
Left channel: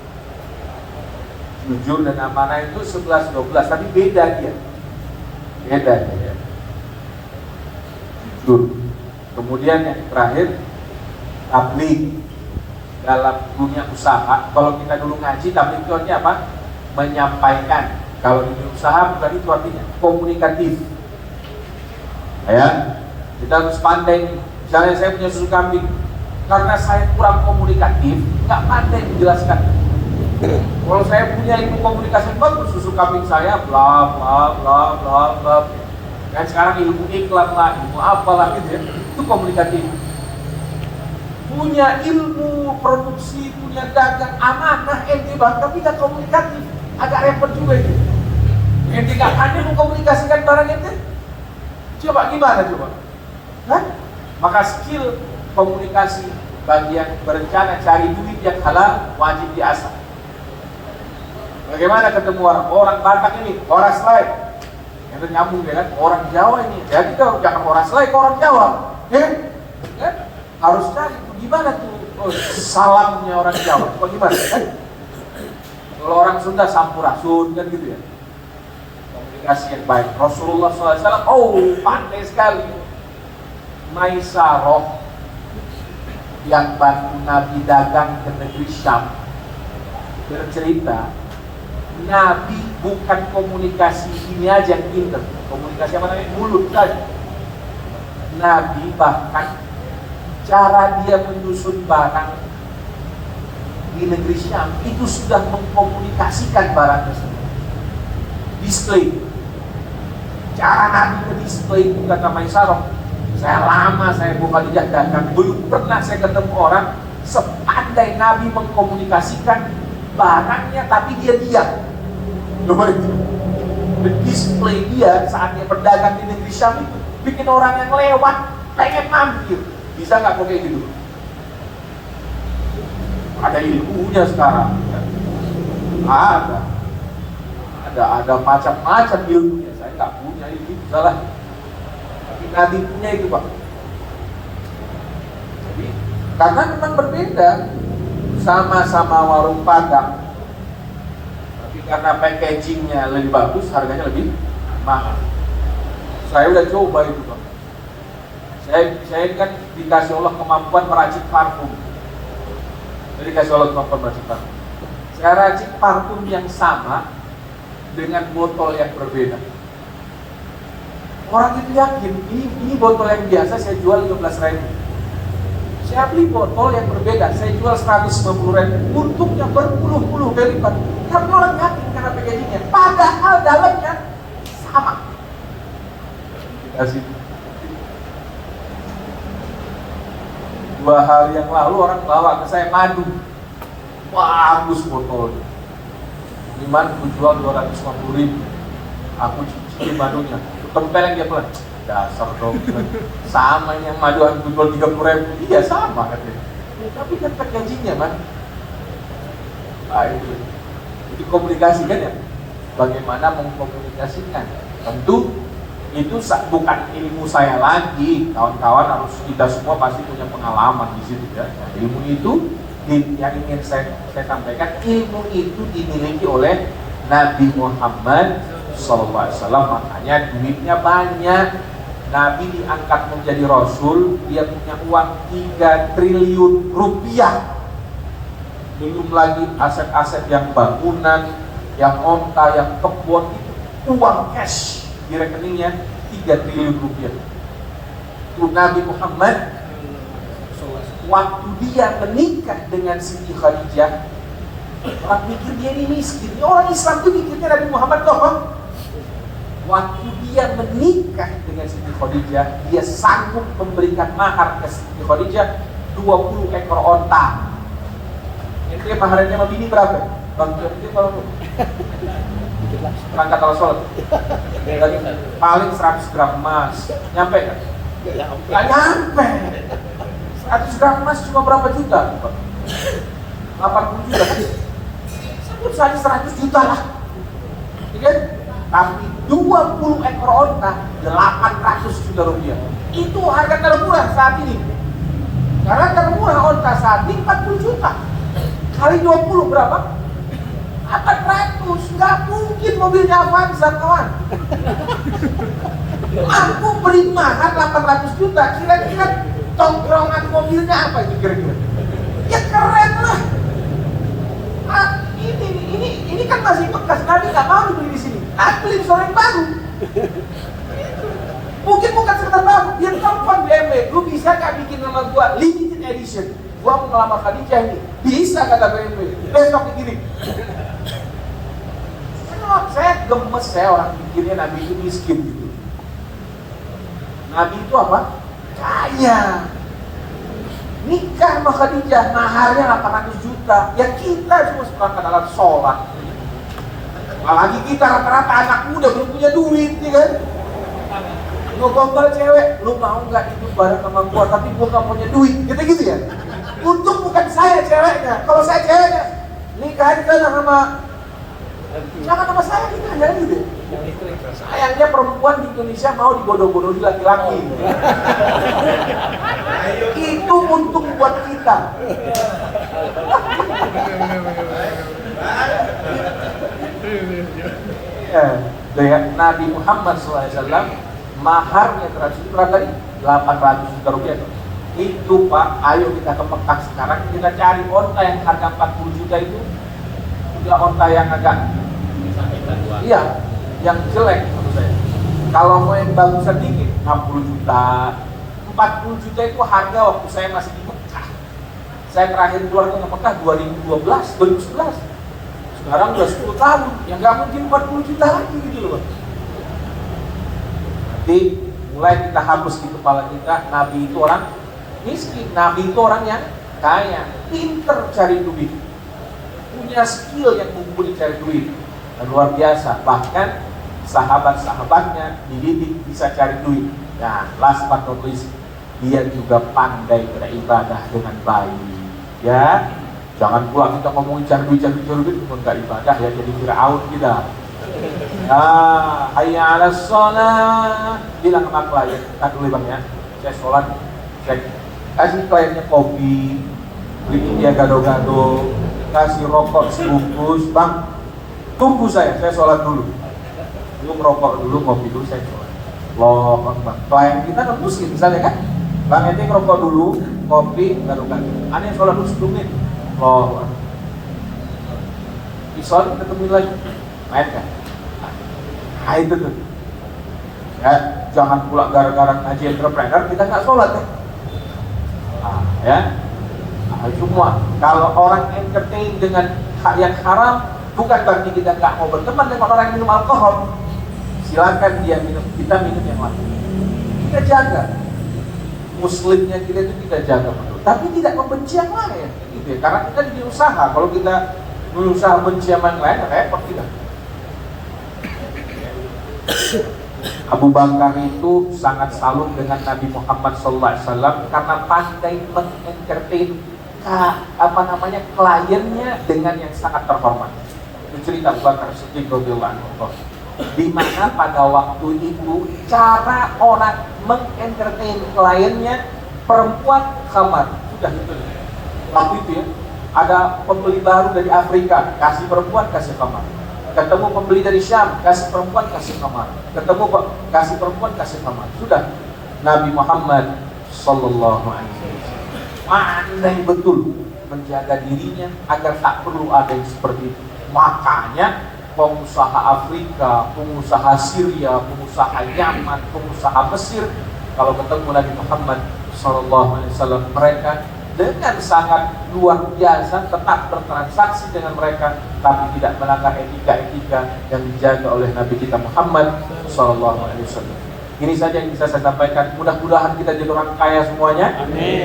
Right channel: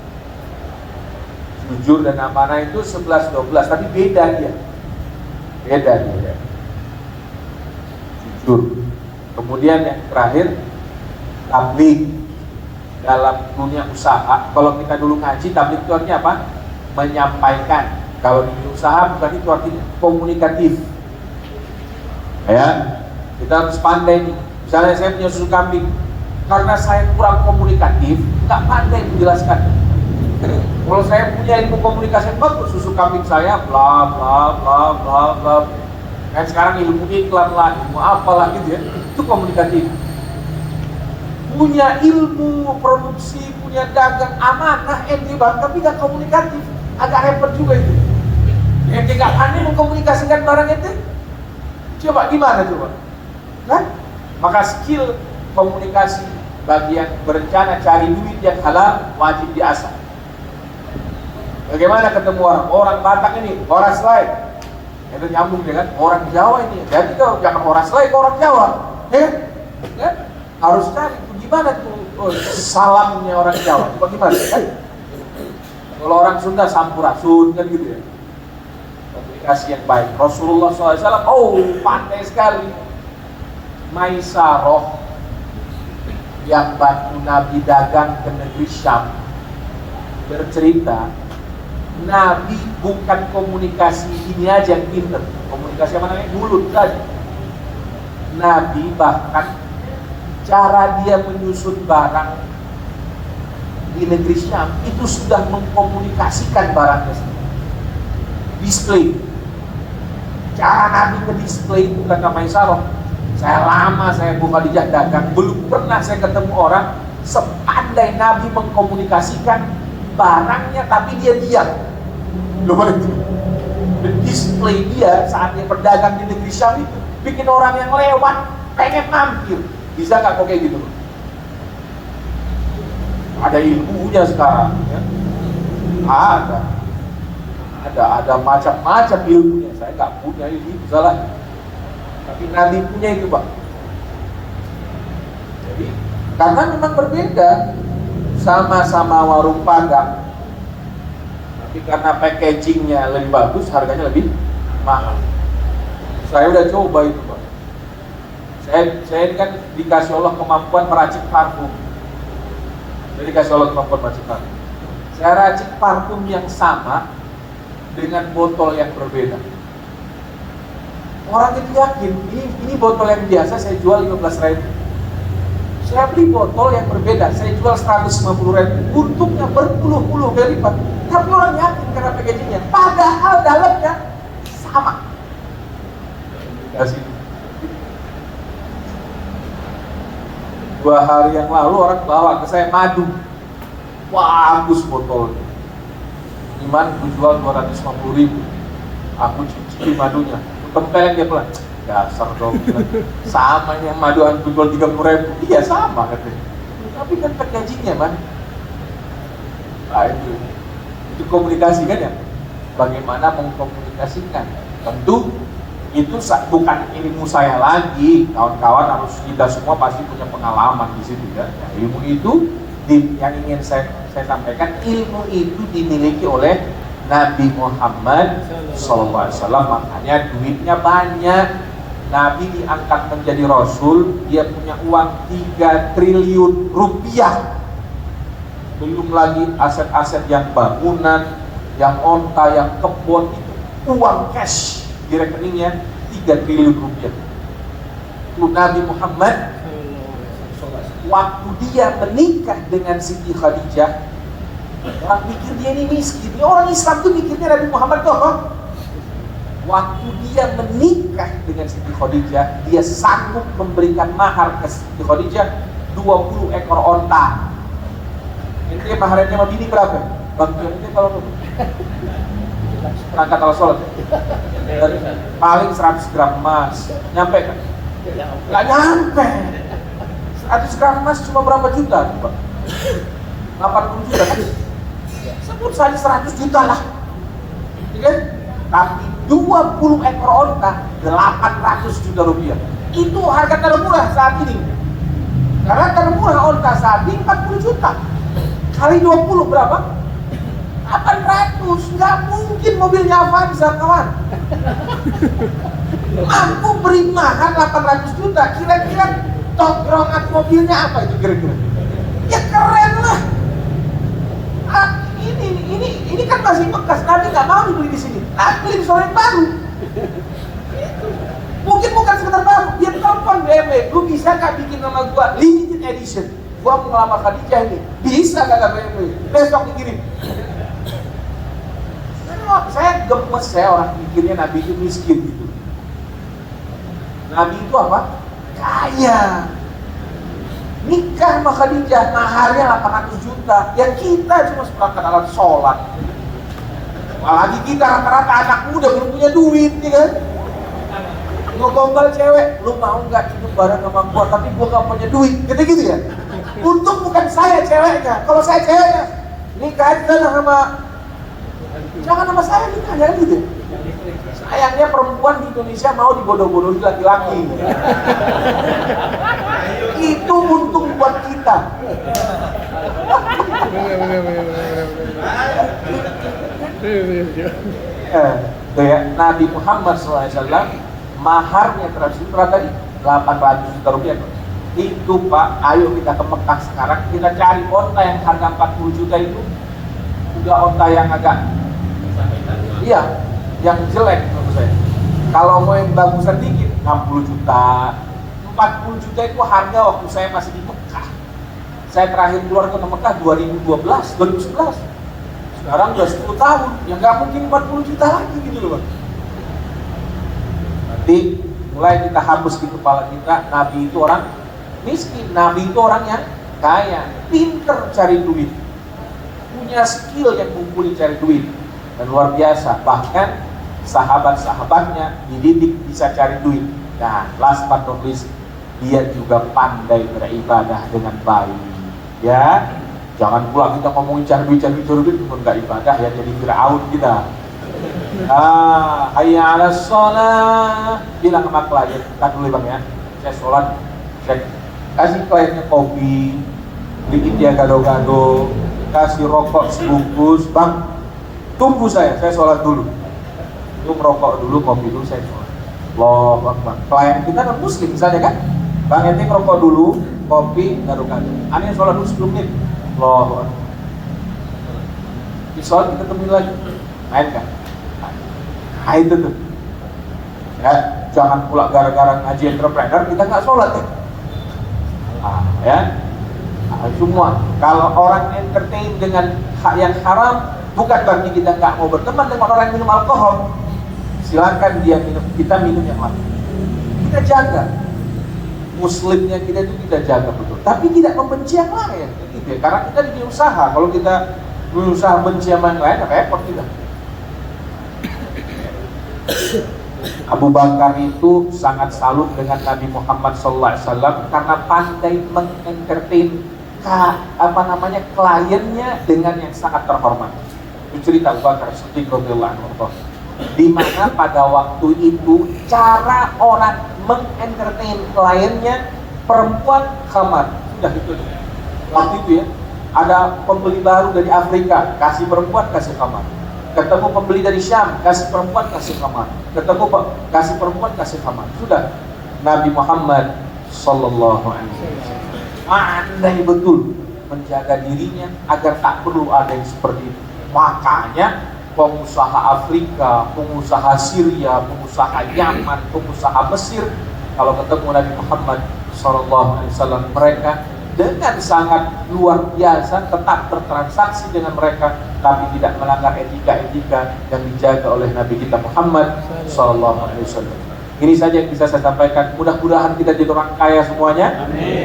Jujur dan amanah itu 11-12, tapi beda dia. Jujur. Kemudian yang terakhir, tabligh dalam dunia usaha. Kalau kita dulu ngaji, tabligh itu artinya apa? Menyampaikan. Kalau di dunia usaha bukan itu artinya, komunikatif. Ya, kita harus pandai. Misalnya saya punya susu kambing, karena saya kurang komunikatif, nggak pandai menjelaskan. Kalau saya punya ilmu komunikasi bagus, susu kambing saya bla bla bla bla bla. Kan sekarang ilmu iklan lah, ilmu apa lah gitu ya, itu komunikatif. Punya ilmu produksi, punya dagang, amanah, ente bahkan tidak komunikatif, agak repot juga itu. Ente gak pandai mengkomunikasikan barang ente, coba gimana coba? Kan? Maka skill komunikasi bagi yang berencana cari duit yang halal wajib diasah. Bagaimana ketemu orang Batak ini, orang lain? Itu nyambung dengan orang Jawa ini. Jadi kau jangan orang lain, orang Jawa. Kan? Harus cari gimana tuh salamnya orang Jawa. Bagaimana? Kalau orang Sunda sampurasun kan gitu ya. Komunikasi yang baik. Rasulullah SAW, pandai sekali. Maisaroh yang bantu Nabi dagang ke negeri Syam bercerita, Nabi bukan komunikasi ini aja yang pinter. Komunikasi apa namanya? Mulut saja. Nabi bahkan cara dia menyusun barang di negeri Syam itu sudah mengkomunikasikan barang tersebut. Display. Cara Nabi nge-display itu kata Maisarah. Saya lama saya buka di dagang, belum pernah saya ketemu orang sepandai Nabi mengkomunikasikan barangnya tapi dia diam. Display dia saat dia berdagang di negeri Syam itu bikin orang yang lewat pengen mampir. Bisa nggak kok kayak gitu? Ada ilmunya sekarang ya. Ada macam-macam ilmunya. Saya nggak punya ilmu salah. Tapi Nabi punya itu Pak. Jadi karena memang berbeda, sama-sama warung Padang, tapi karena packagingnya lebih bagus, harganya lebih mahal. Saya udah coba itu Pak. Saya kan dikasih Allah kemampuan meracik parfum. Saya dikasih Allah kemampuan meracik parfum. Saya racik parfum yang sama dengan botol yang berbeda. Orang itu yakin, ini botol yang biasa saya jual 15.000. Saya beli botol yang berbeda, saya jual 150.000. Untungnya berpuluh-puluh kali lipat. Tapi orang yakin karena packagingnya. Padahal dalamnya sama. Kasih. 2 hari yang lalu orang bawa ke saya madu. Bagus botolnya. Ini madu dijual 250.000. Aku cicipin madunya. Tempelin dia pulang. Dasar dong. Sama yang madu orang jual 30.000. Iya sama katanya. Tapi kan packagingnya man. Pak itu komunikasi kan ya. Bagaimana mengkomunikasikan? Tentu itu bukan ilmu saya lagi. Kawan-kawan harus kita semua pasti punya pengalaman di situ kan. Ilmu itu yang ingin saya sampaikan, ilmu itu dimiliki oleh Nabi Muhammad SAW. Makanya duitnya banyak. Nabi diangkat menjadi Rasul, dia punya uang 3 triliun rupiah. Belum lagi aset-aset yang bangunan, yang onta, yang kebun, itu uang cash di rekeningnya 3 triliun rupiah. Itu Nabi Muhammad SAW. Waktu dia menikah dengan Siti Khadijah, orang pikir dia ini miskin. Orang Islam tuh mikirnya Nabi Muhammad toh. Waktu dia menikah dengan Siti Khadijah, dia sanggup memberikan mahar ke Siti Khadijah 20 ekor onta. Ente maharnya sama bini berapa? Bang John ente kalau perangkat al-sholat paling 100 gram emas. Nyampe kan? Gak nyampe. 100 gram emas cuma berapa juta? 80 juta. Sebut saja 100 juta lah. Ya kan? Tapi 20 ekor onta 800 juta rupiah. Itu harga termurah saat ini. Karena termurah onta saat ini 40 juta. Kali 20 berapa? 800. Nggak mungkin mobilnya Avanza kawan. Mampu beri mahar 800 juta. Kira-kira tongkrongan mobilnya apa itu kira-kira? Ya keren lah. Ini kan masih bekas, Nabi nggak mau dibeli di sini. Nah, beli soal yang baru. Itu. Mungkin bukan sekedar baru, dia tampang BMW. Lu bisa nggak bikin nama gua limited edition? Gua mau ngelamar Khadijah ini. Bisa kata BMW. Besok dikirim. Karena saya gemes, saya lah mikirnya Nabi itu miskin gitu. Nabi itu apa? Kaya. Nikah sama Khadijah, maharnya 800 juta. Ya kita cuma seperangkat alat sholat. Apalagi kita rata-rata anak muda belum punya duit, ya kan? Ngogombal cewek, lu mau nggak itu bareng sama gua, tapi gua nggak punya duit, gitu ya. Untung bukan saya ceweknya. Kalau saya ceweknya, nikahin jangan sama saya nikah ya gitu. Sayangnya perempuan di Indonesia mau dibodoh-bodohi laki-laki. Itu untung buat kita. Gaya Nabi Muhammad SAW maharnya berapa tadi? 800 juta rupiah. Itu Pak, ayo kita ke Mekah sekarang, kita cari onta yang harga 40 juta itu. Udah onta yang agak iya, yang jelek menurut saya. Kalau mau yang bagusan dikit 60 juta, 40 juta itu harga waktu saya masih di Mekah. Saya terakhir keluar ke Mekah 2011. Sekarang udah 10 tahun, ya nggak mungkin 40 juta lagi gitu loh. Berarti mulai kita hapus di kepala kita, Nabi itu orang miskin, Nabi itu orang yang kaya, pinter cari duit, punya skill yang mumpuni cari duit, dan luar biasa. Bahkan sahabat-sahabatnya dididik bisa cari duit. Dan last but not least, dia juga pandai beribadah dengan baik. Ya, jangan pula kita ngomongin cari duit, enggak ibadah ya, jadi Fir'aun kita. Ya, hayya 'alas shalah. Bilang sama klien, tak boleh Bang ya. Saya sholat, saya kasih kliennya kopi, beliin dia gado-gado, kasih rokok sebungkus, Bang. Tunggu saya sholat dulu. Lu merokok dulu, kopi dulu, saya sholat. Loh, Bang. Klien kita non muslim misalnya kan. Bang ente ngerokok dulu, kopi, gado-gado. Aneh sholat dulu 10 menit. Loh, Bang. Di sholat kita tunggu lagi. Main kan? Nah itu tuh. Ya, jangan pula gara-gara ngaji entrepreneur kita nggak sholat ya. Salah ya. Nah, semua kalau orang entertain dengan hak yang haram, bukan berarti kita nggak mau berteman dengan orang yang minum alkohol. Silakan dia minum, kita minum yang lain. Kita jaga muslimnya kita itu kita jaga, tapi tidak membenci yang lain. Gitu ya. Karena kita di usaha, kalau kita berusaha benci yang lain, repot kita. Abu Bakar itu sangat salut dengan Nabi Muhammad SAW karena pandai mengentertain kliennya dengan yang sangat terhormat. Ini cerita Abu Bakar Siddiq radhiyallahu anhu. Di mana pada waktu itu cara orang mengentertain kliennya, perempuan khamar, sudah itu. Waktu itu ya, ada pembeli baru dari Afrika, kasih perempuan kasih khamar. Ketemu pembeli dari Syam, kasih perempuan kasih kamar. Ketemu kasih perempuan kasih kamar. Sudah Nabi Muhammad Sallallahu Alaihi Wasallam pandai betul menjaga dirinya agar tak perlu ada yang seperti itu. Makanya pengusaha Afrika, pengusaha Syria, pengusaha Yaman, pengusaha Mesir, kalau ketemu Nabi Muhammad Sallallahu Alaihi Wasallam, mereka dengan sangat luar biasa tetap bertransaksi dengan mereka, tapi tidak melanggar etika-etika yang dijaga oleh Nabi kita Muhammad SAW. Ini saja yang bisa saya sampaikan. Mudah-mudahan kita jadi orang kaya semuanya. Amin.